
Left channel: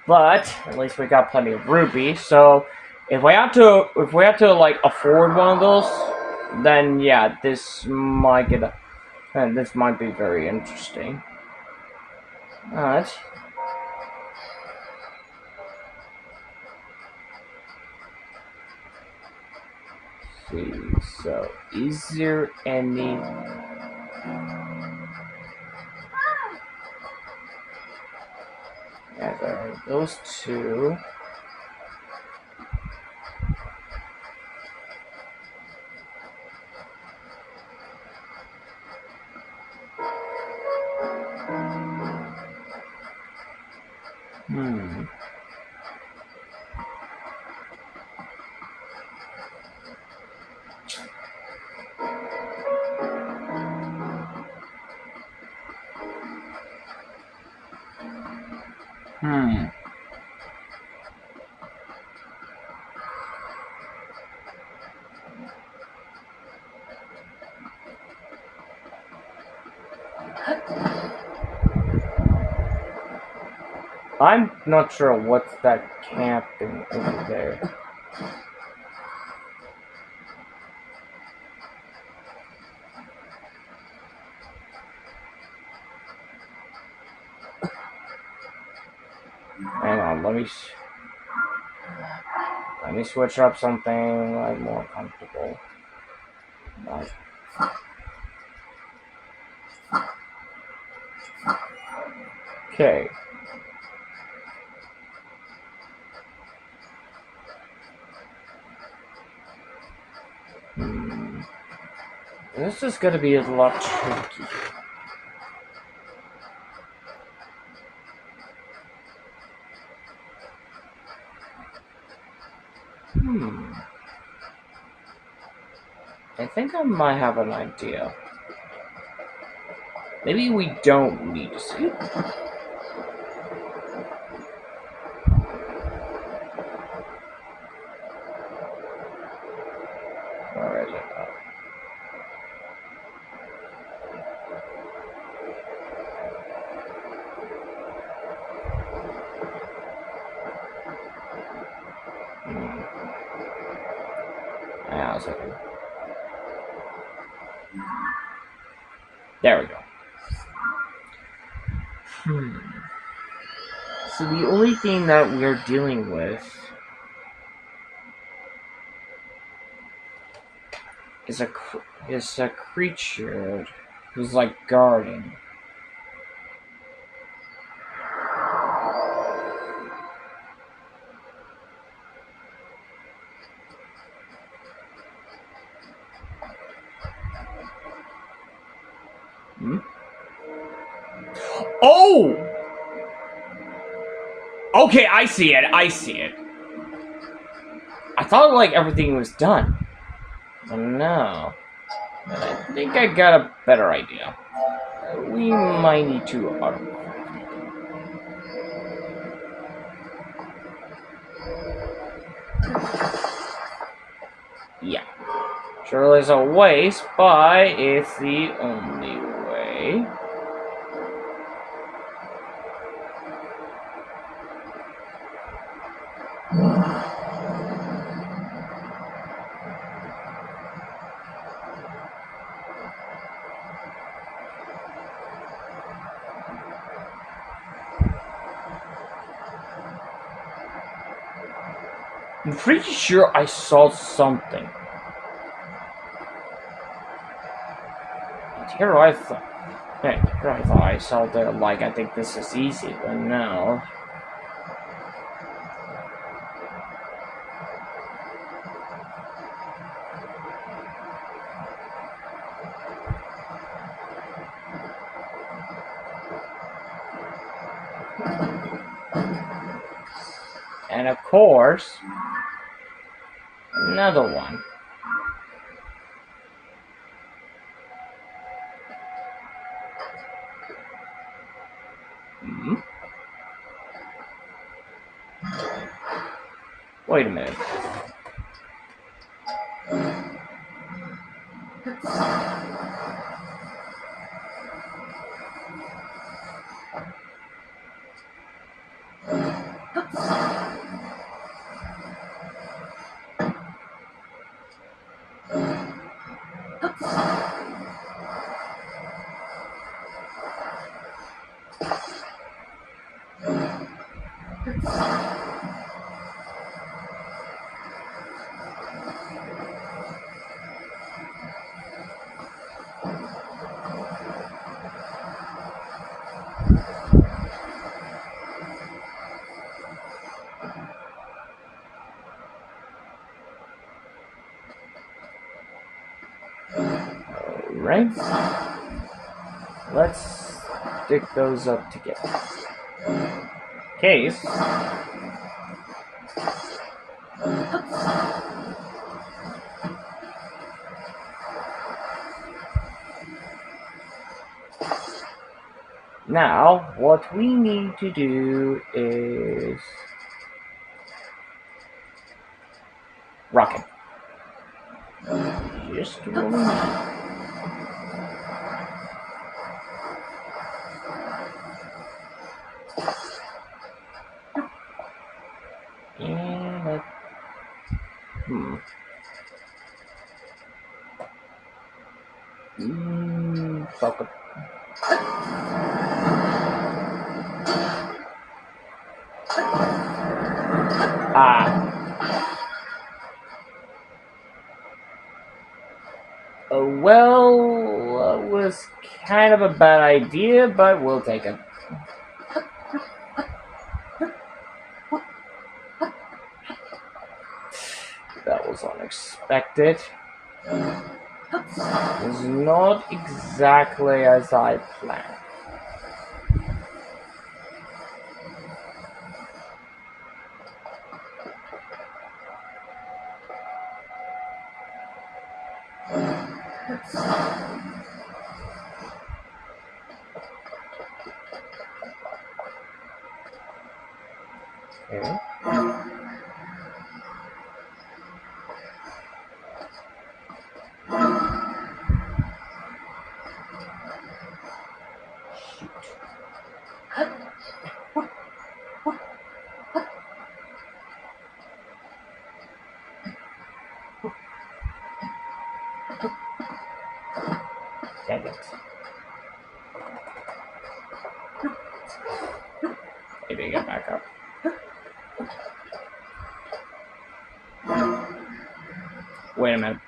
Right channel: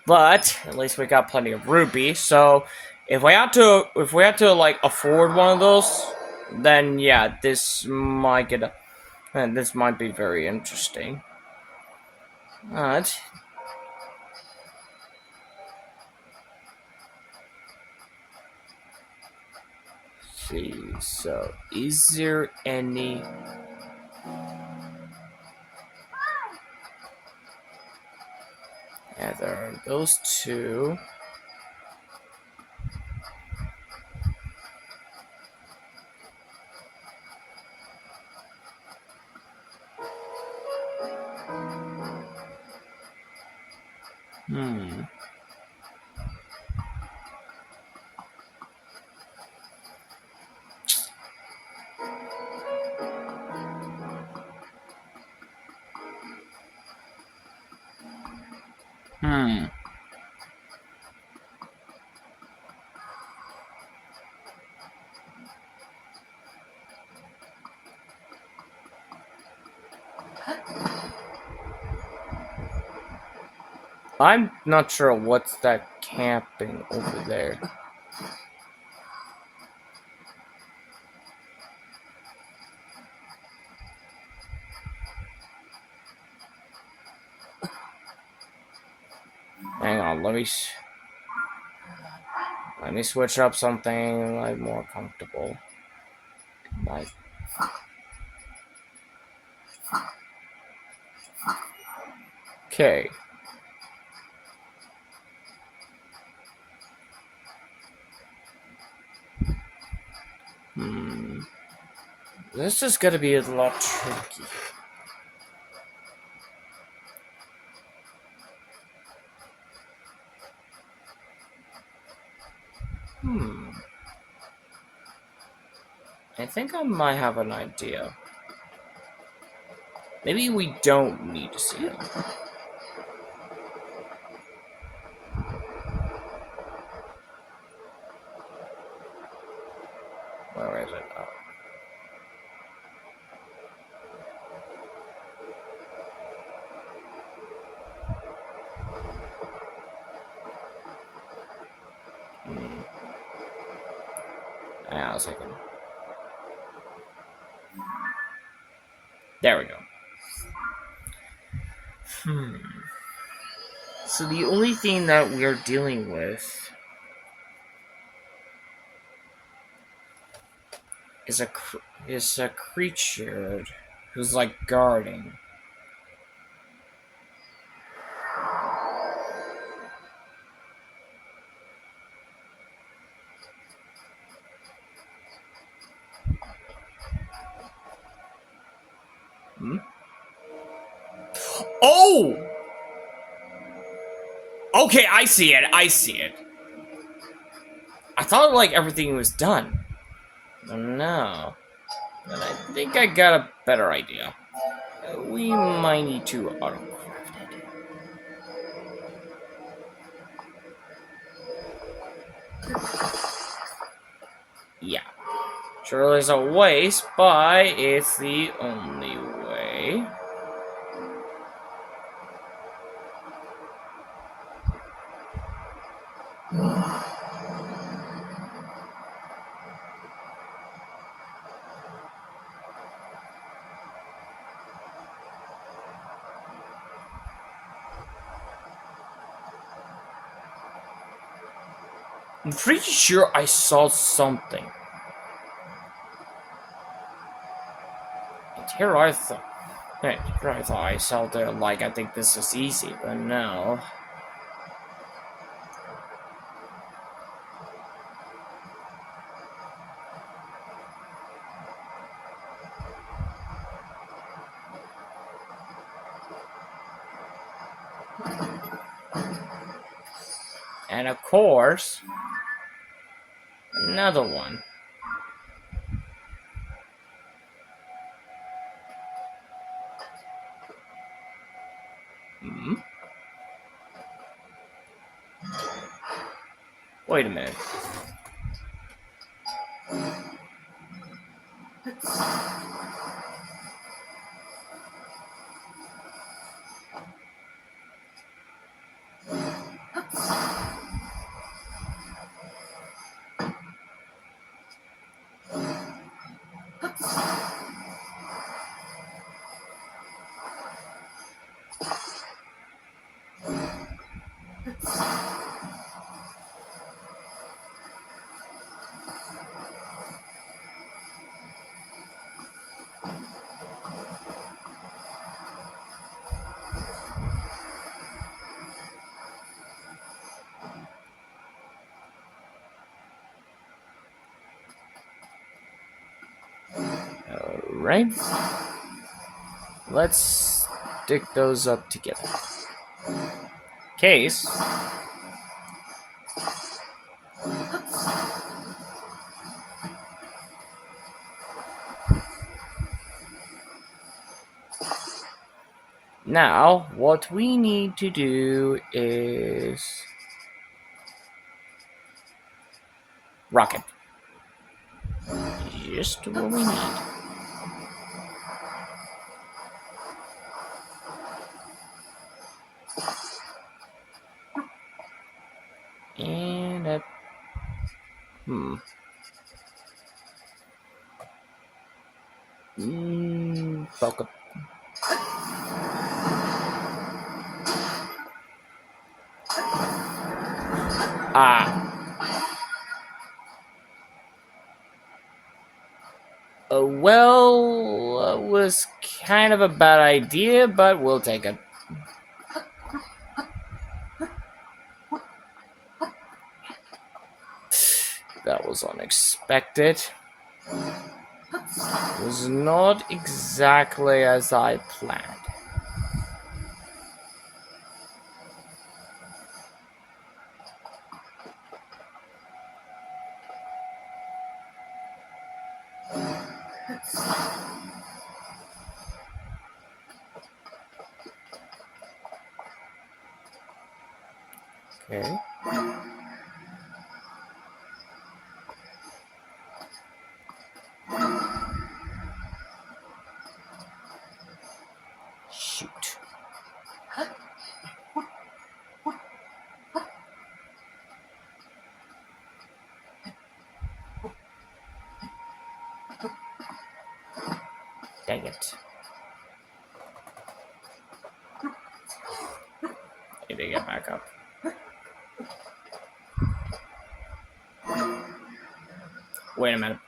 But at least we got plenty of rubies. So if we had to like afford one of those, then yeah, this might be very interesting. But see, so is there any? Yeah, there are those two. Hmm. Hmm. I'm not sure what's that camping over there. Hang on, let me switch up something like more comfortable. Like, okay. Hmm. This is gonna be a lot tricky. Hmm. I think I might have an idea. Maybe we don't need to see it. Where is it? Oh. Hmm. Hang on a second. There we go. Hmm. So the only thing that we're dealing with is a creature who's like guarding. Hmm? Oh! Okay, I see it. I see it. I thought like everything was done. But no. But I think I got a better idea. We might need to autocraft it. Yeah. Sure, there's a waste, but it's the only way. I'm pretty sure I saw something. And here I thought I saw there like I think this is easy, but no. And of course, another one. Hmm? Wait a minute. Alright. Let's stick those up together. Case. Now, what we need to do is rocket. Just what we need. And bucket. Well, it was kind of a bad idea, but we'll take it. That was unexpected. It was not exactly as I planned. Okay. Shoot. Dang it. Maybe get back up. Wait a minute.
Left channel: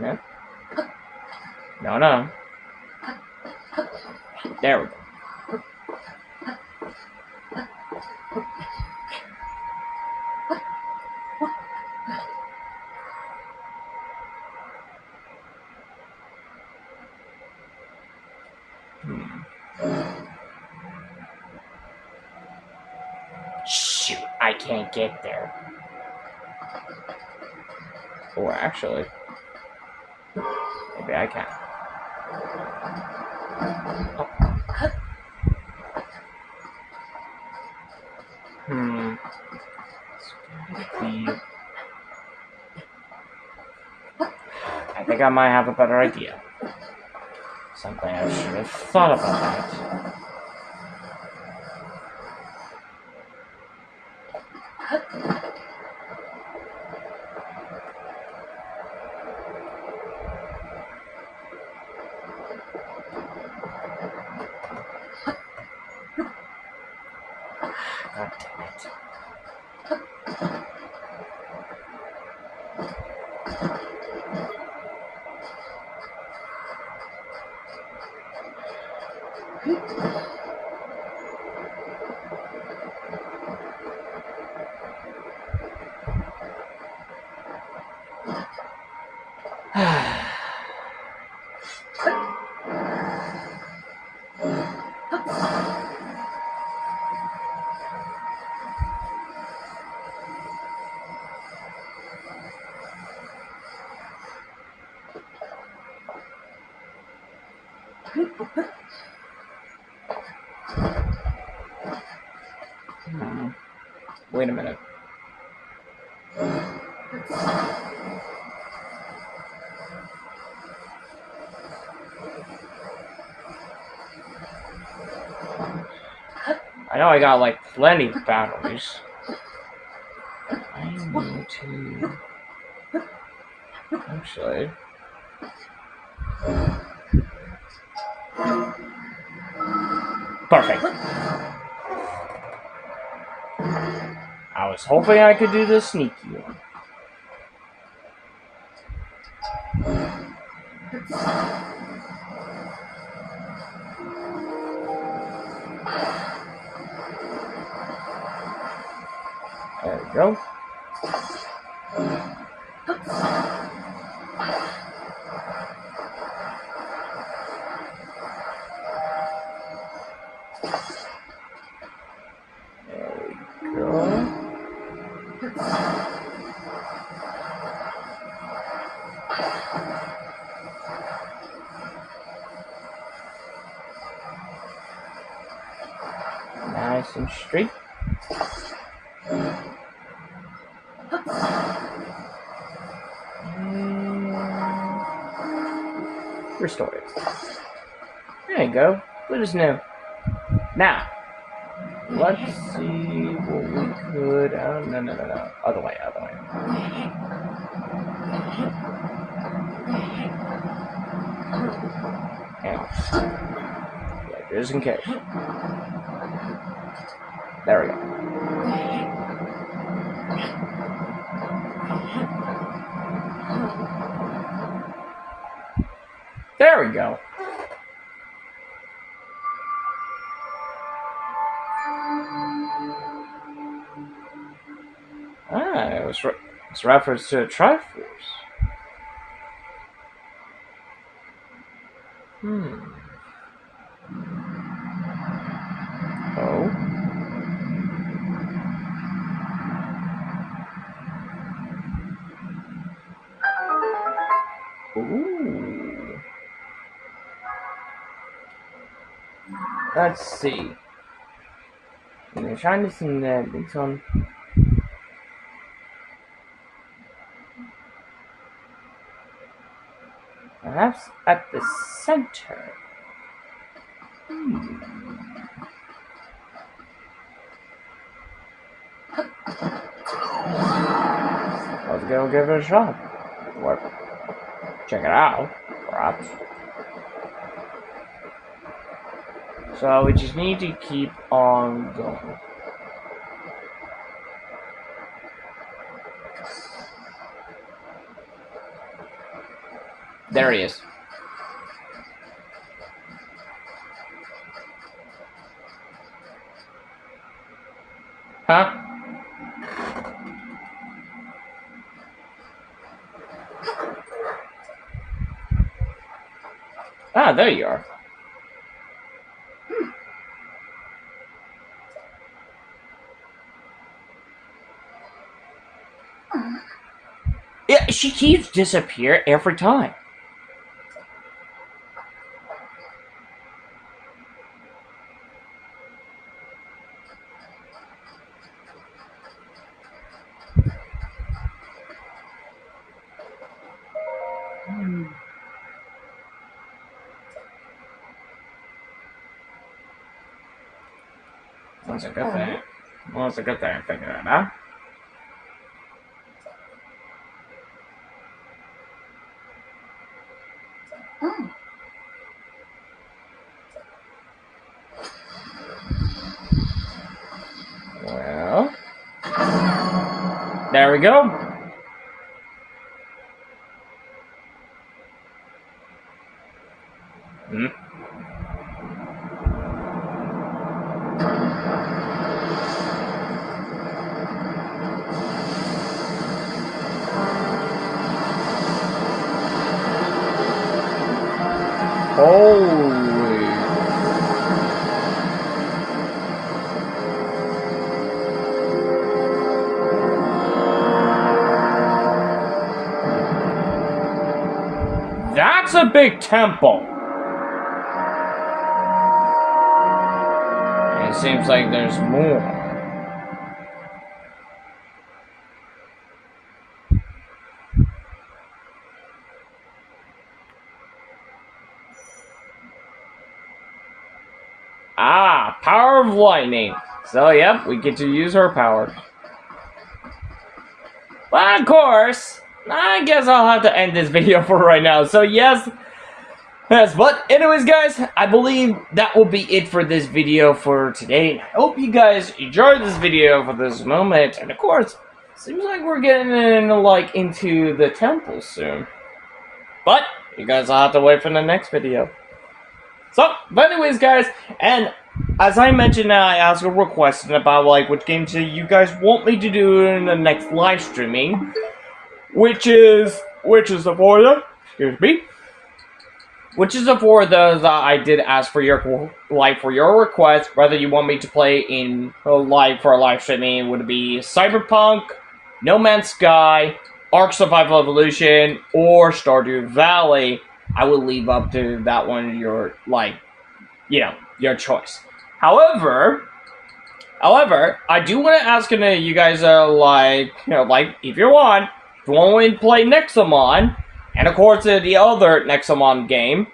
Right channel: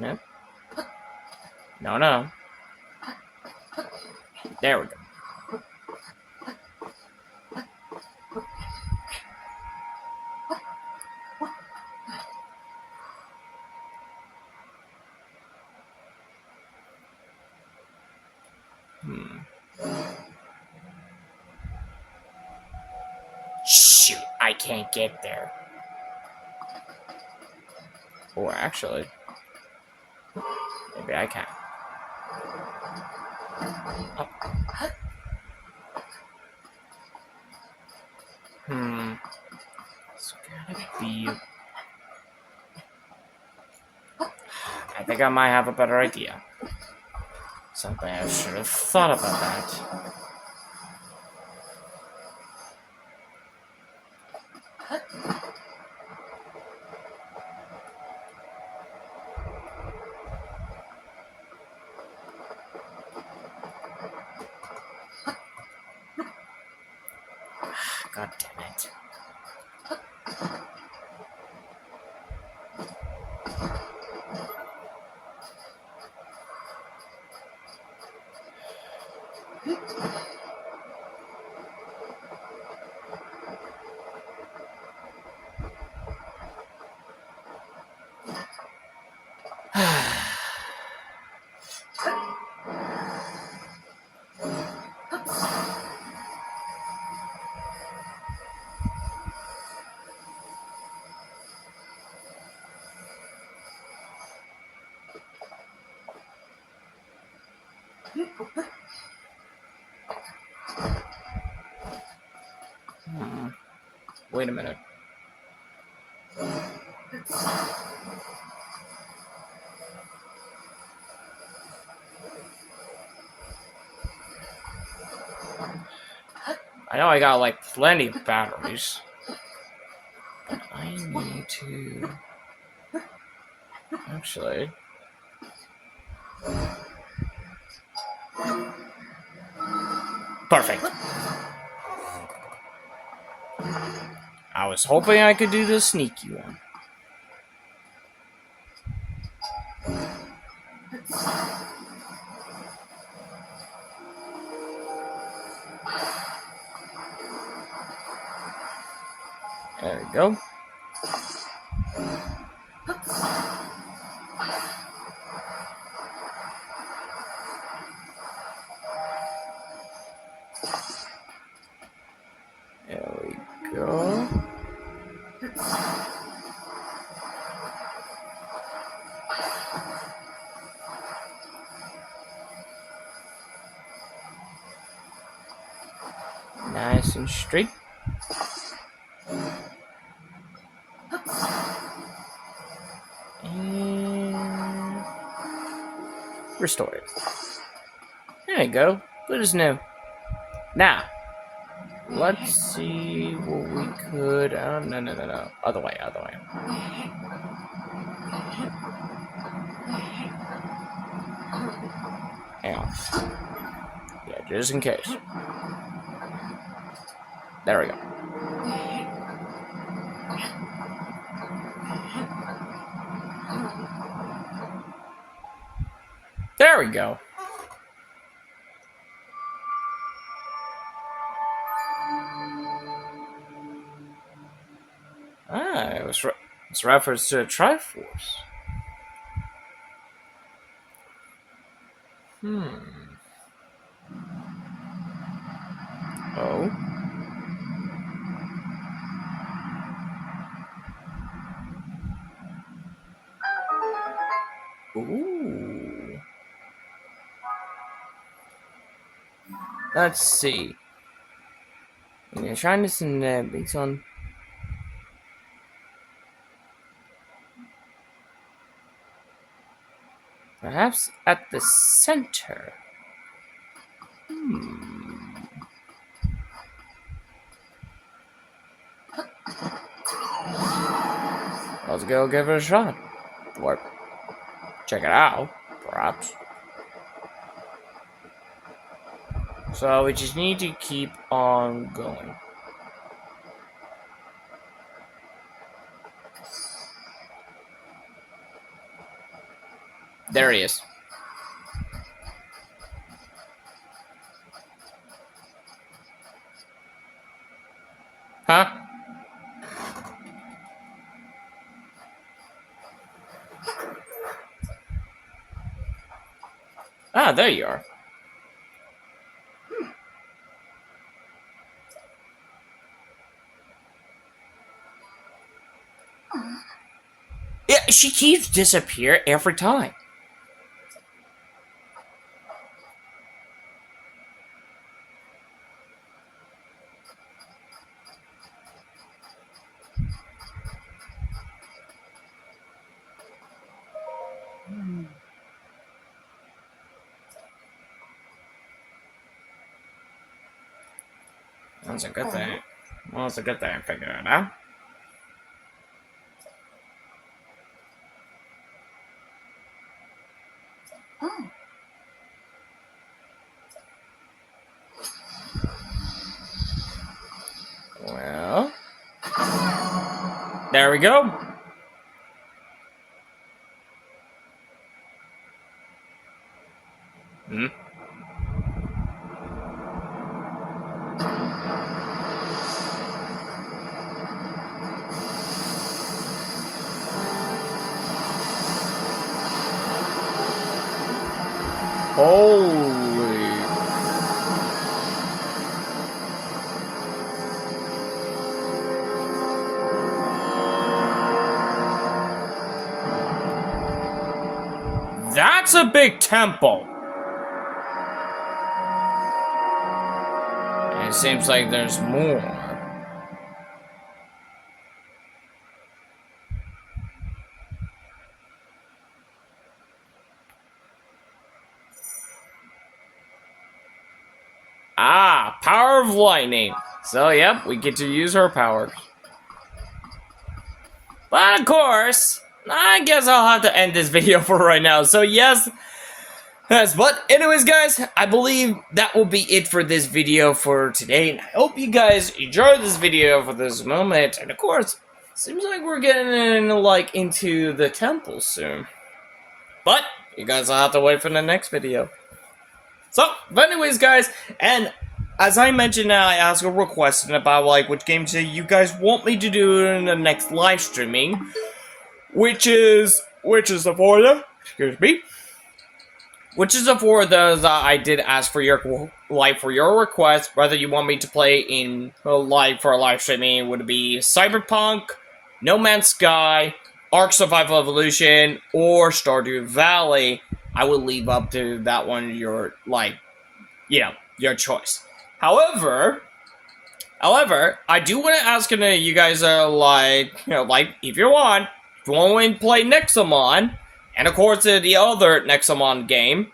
No. No, no. There we go. Shoot, I can't get there. Or actually, maybe I can. Oh. It's gotta be. I think I might have a better idea. Something I should have thought about that. God damn it. Wait a minute. I know I got like plenty of batteries, but I need to actually. Perfect. I was hoping I could do the sneaky one. There we go. There we go. Nice and straight. And restore it. There you go. Good as new. Now, let's see what we could. Oh, no. Other way. Yeah, just in case. There we go. There we go. It's reference to a Triforce. Oh. Ooh. Let's see. I'm trying to see that it's on. Perhaps at the center. Let's go give it a shot. Or check it out, perhaps. So we just need to keep on going. There he is. Huh? Ah, there you are. Yeah, she keeps disappearing every time. That's a good thing. Well, it's a good thing I figured it out. Well, there we go. Hmm. Holy. That's a big temple. it seems like there's more. Ah, power of lightning. So, yep, we get to use her power. But of course, I guess I'll have to end this video for right now. So, yes, but anyways, guys, I believe that will be it for this video for today. I hope you guys enjoyed this video for this moment. And of course, seems like we're getting into the temple soon. But you guys will have to wait for the next video. So, but anyways, guys, and as I mentioned, I asked a request about which games you guys want me to do in the next live streaming, which is the four of them. Excuse me. Which is the four of those that I did ask for your request, whether you want me to play in live streaming. Would it be Cyberpunk, No Man's Sky, Ark Survival Evolution, or Stardew Valley? I will leave up to that one your choice. However, I do want to ask you guys if you want me to play Nexomon, and of course the other Nexomon game,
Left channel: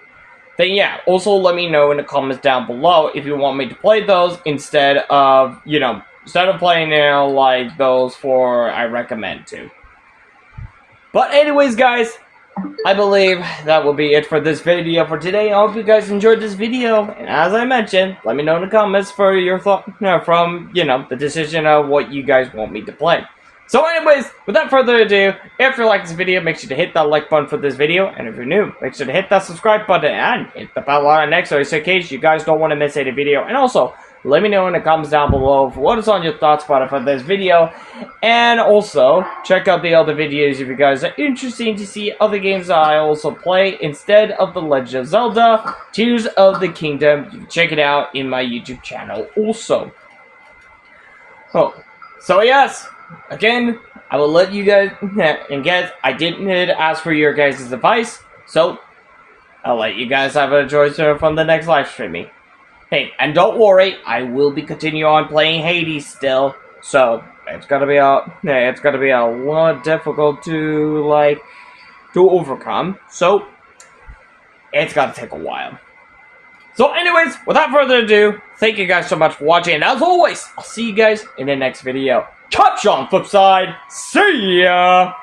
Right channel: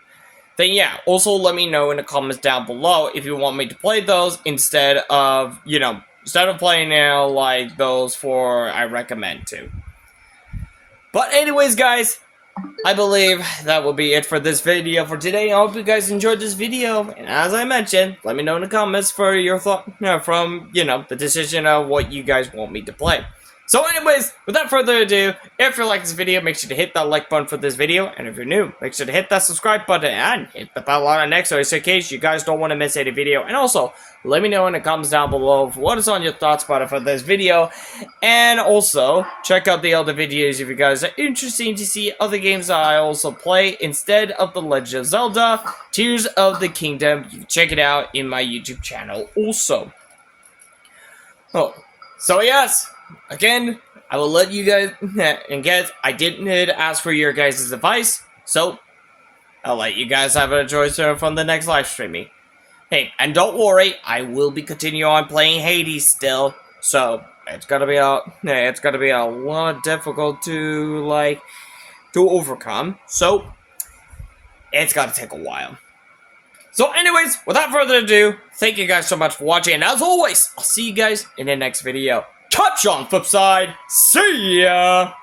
then yeah, also let me know in the comments down below if you want me to play those instead of playing those four I recommend to. But anyways, guys, I believe that will be it for this video for today. I hope you guys enjoyed this video, and as I mentioned, let me know in the comments for your thought from the decision of what you guys want me to play. So anyways, without further ado, if you like this video, make sure to hit that like button for this video, and if you're new, make sure to hit that subscribe button and hit the bell on next so in case you guys don't want to miss any video. And also, let me know in the comments down below what is on your thoughts about it for this video, and also check out the other videos if you guys are interested to see other games that I also play instead of the Legend of Zelda Tears of the Kingdom. You can check it out in my YouTube channel also. Oh, so yes. Again, I will let you guys, and guys, I didn't ask for your guys' advice, so I'll let you guys have a choice from the next live streaming. Hey, and don't worry, I will be continuing on playing Hades still, so it's gonna be a lot difficult to overcome, so it's gonna take a while. So anyways, without further ado, thank you guys so much for watching, and as always, I'll see you guys in the next video. Catch you on the flip side. See ya!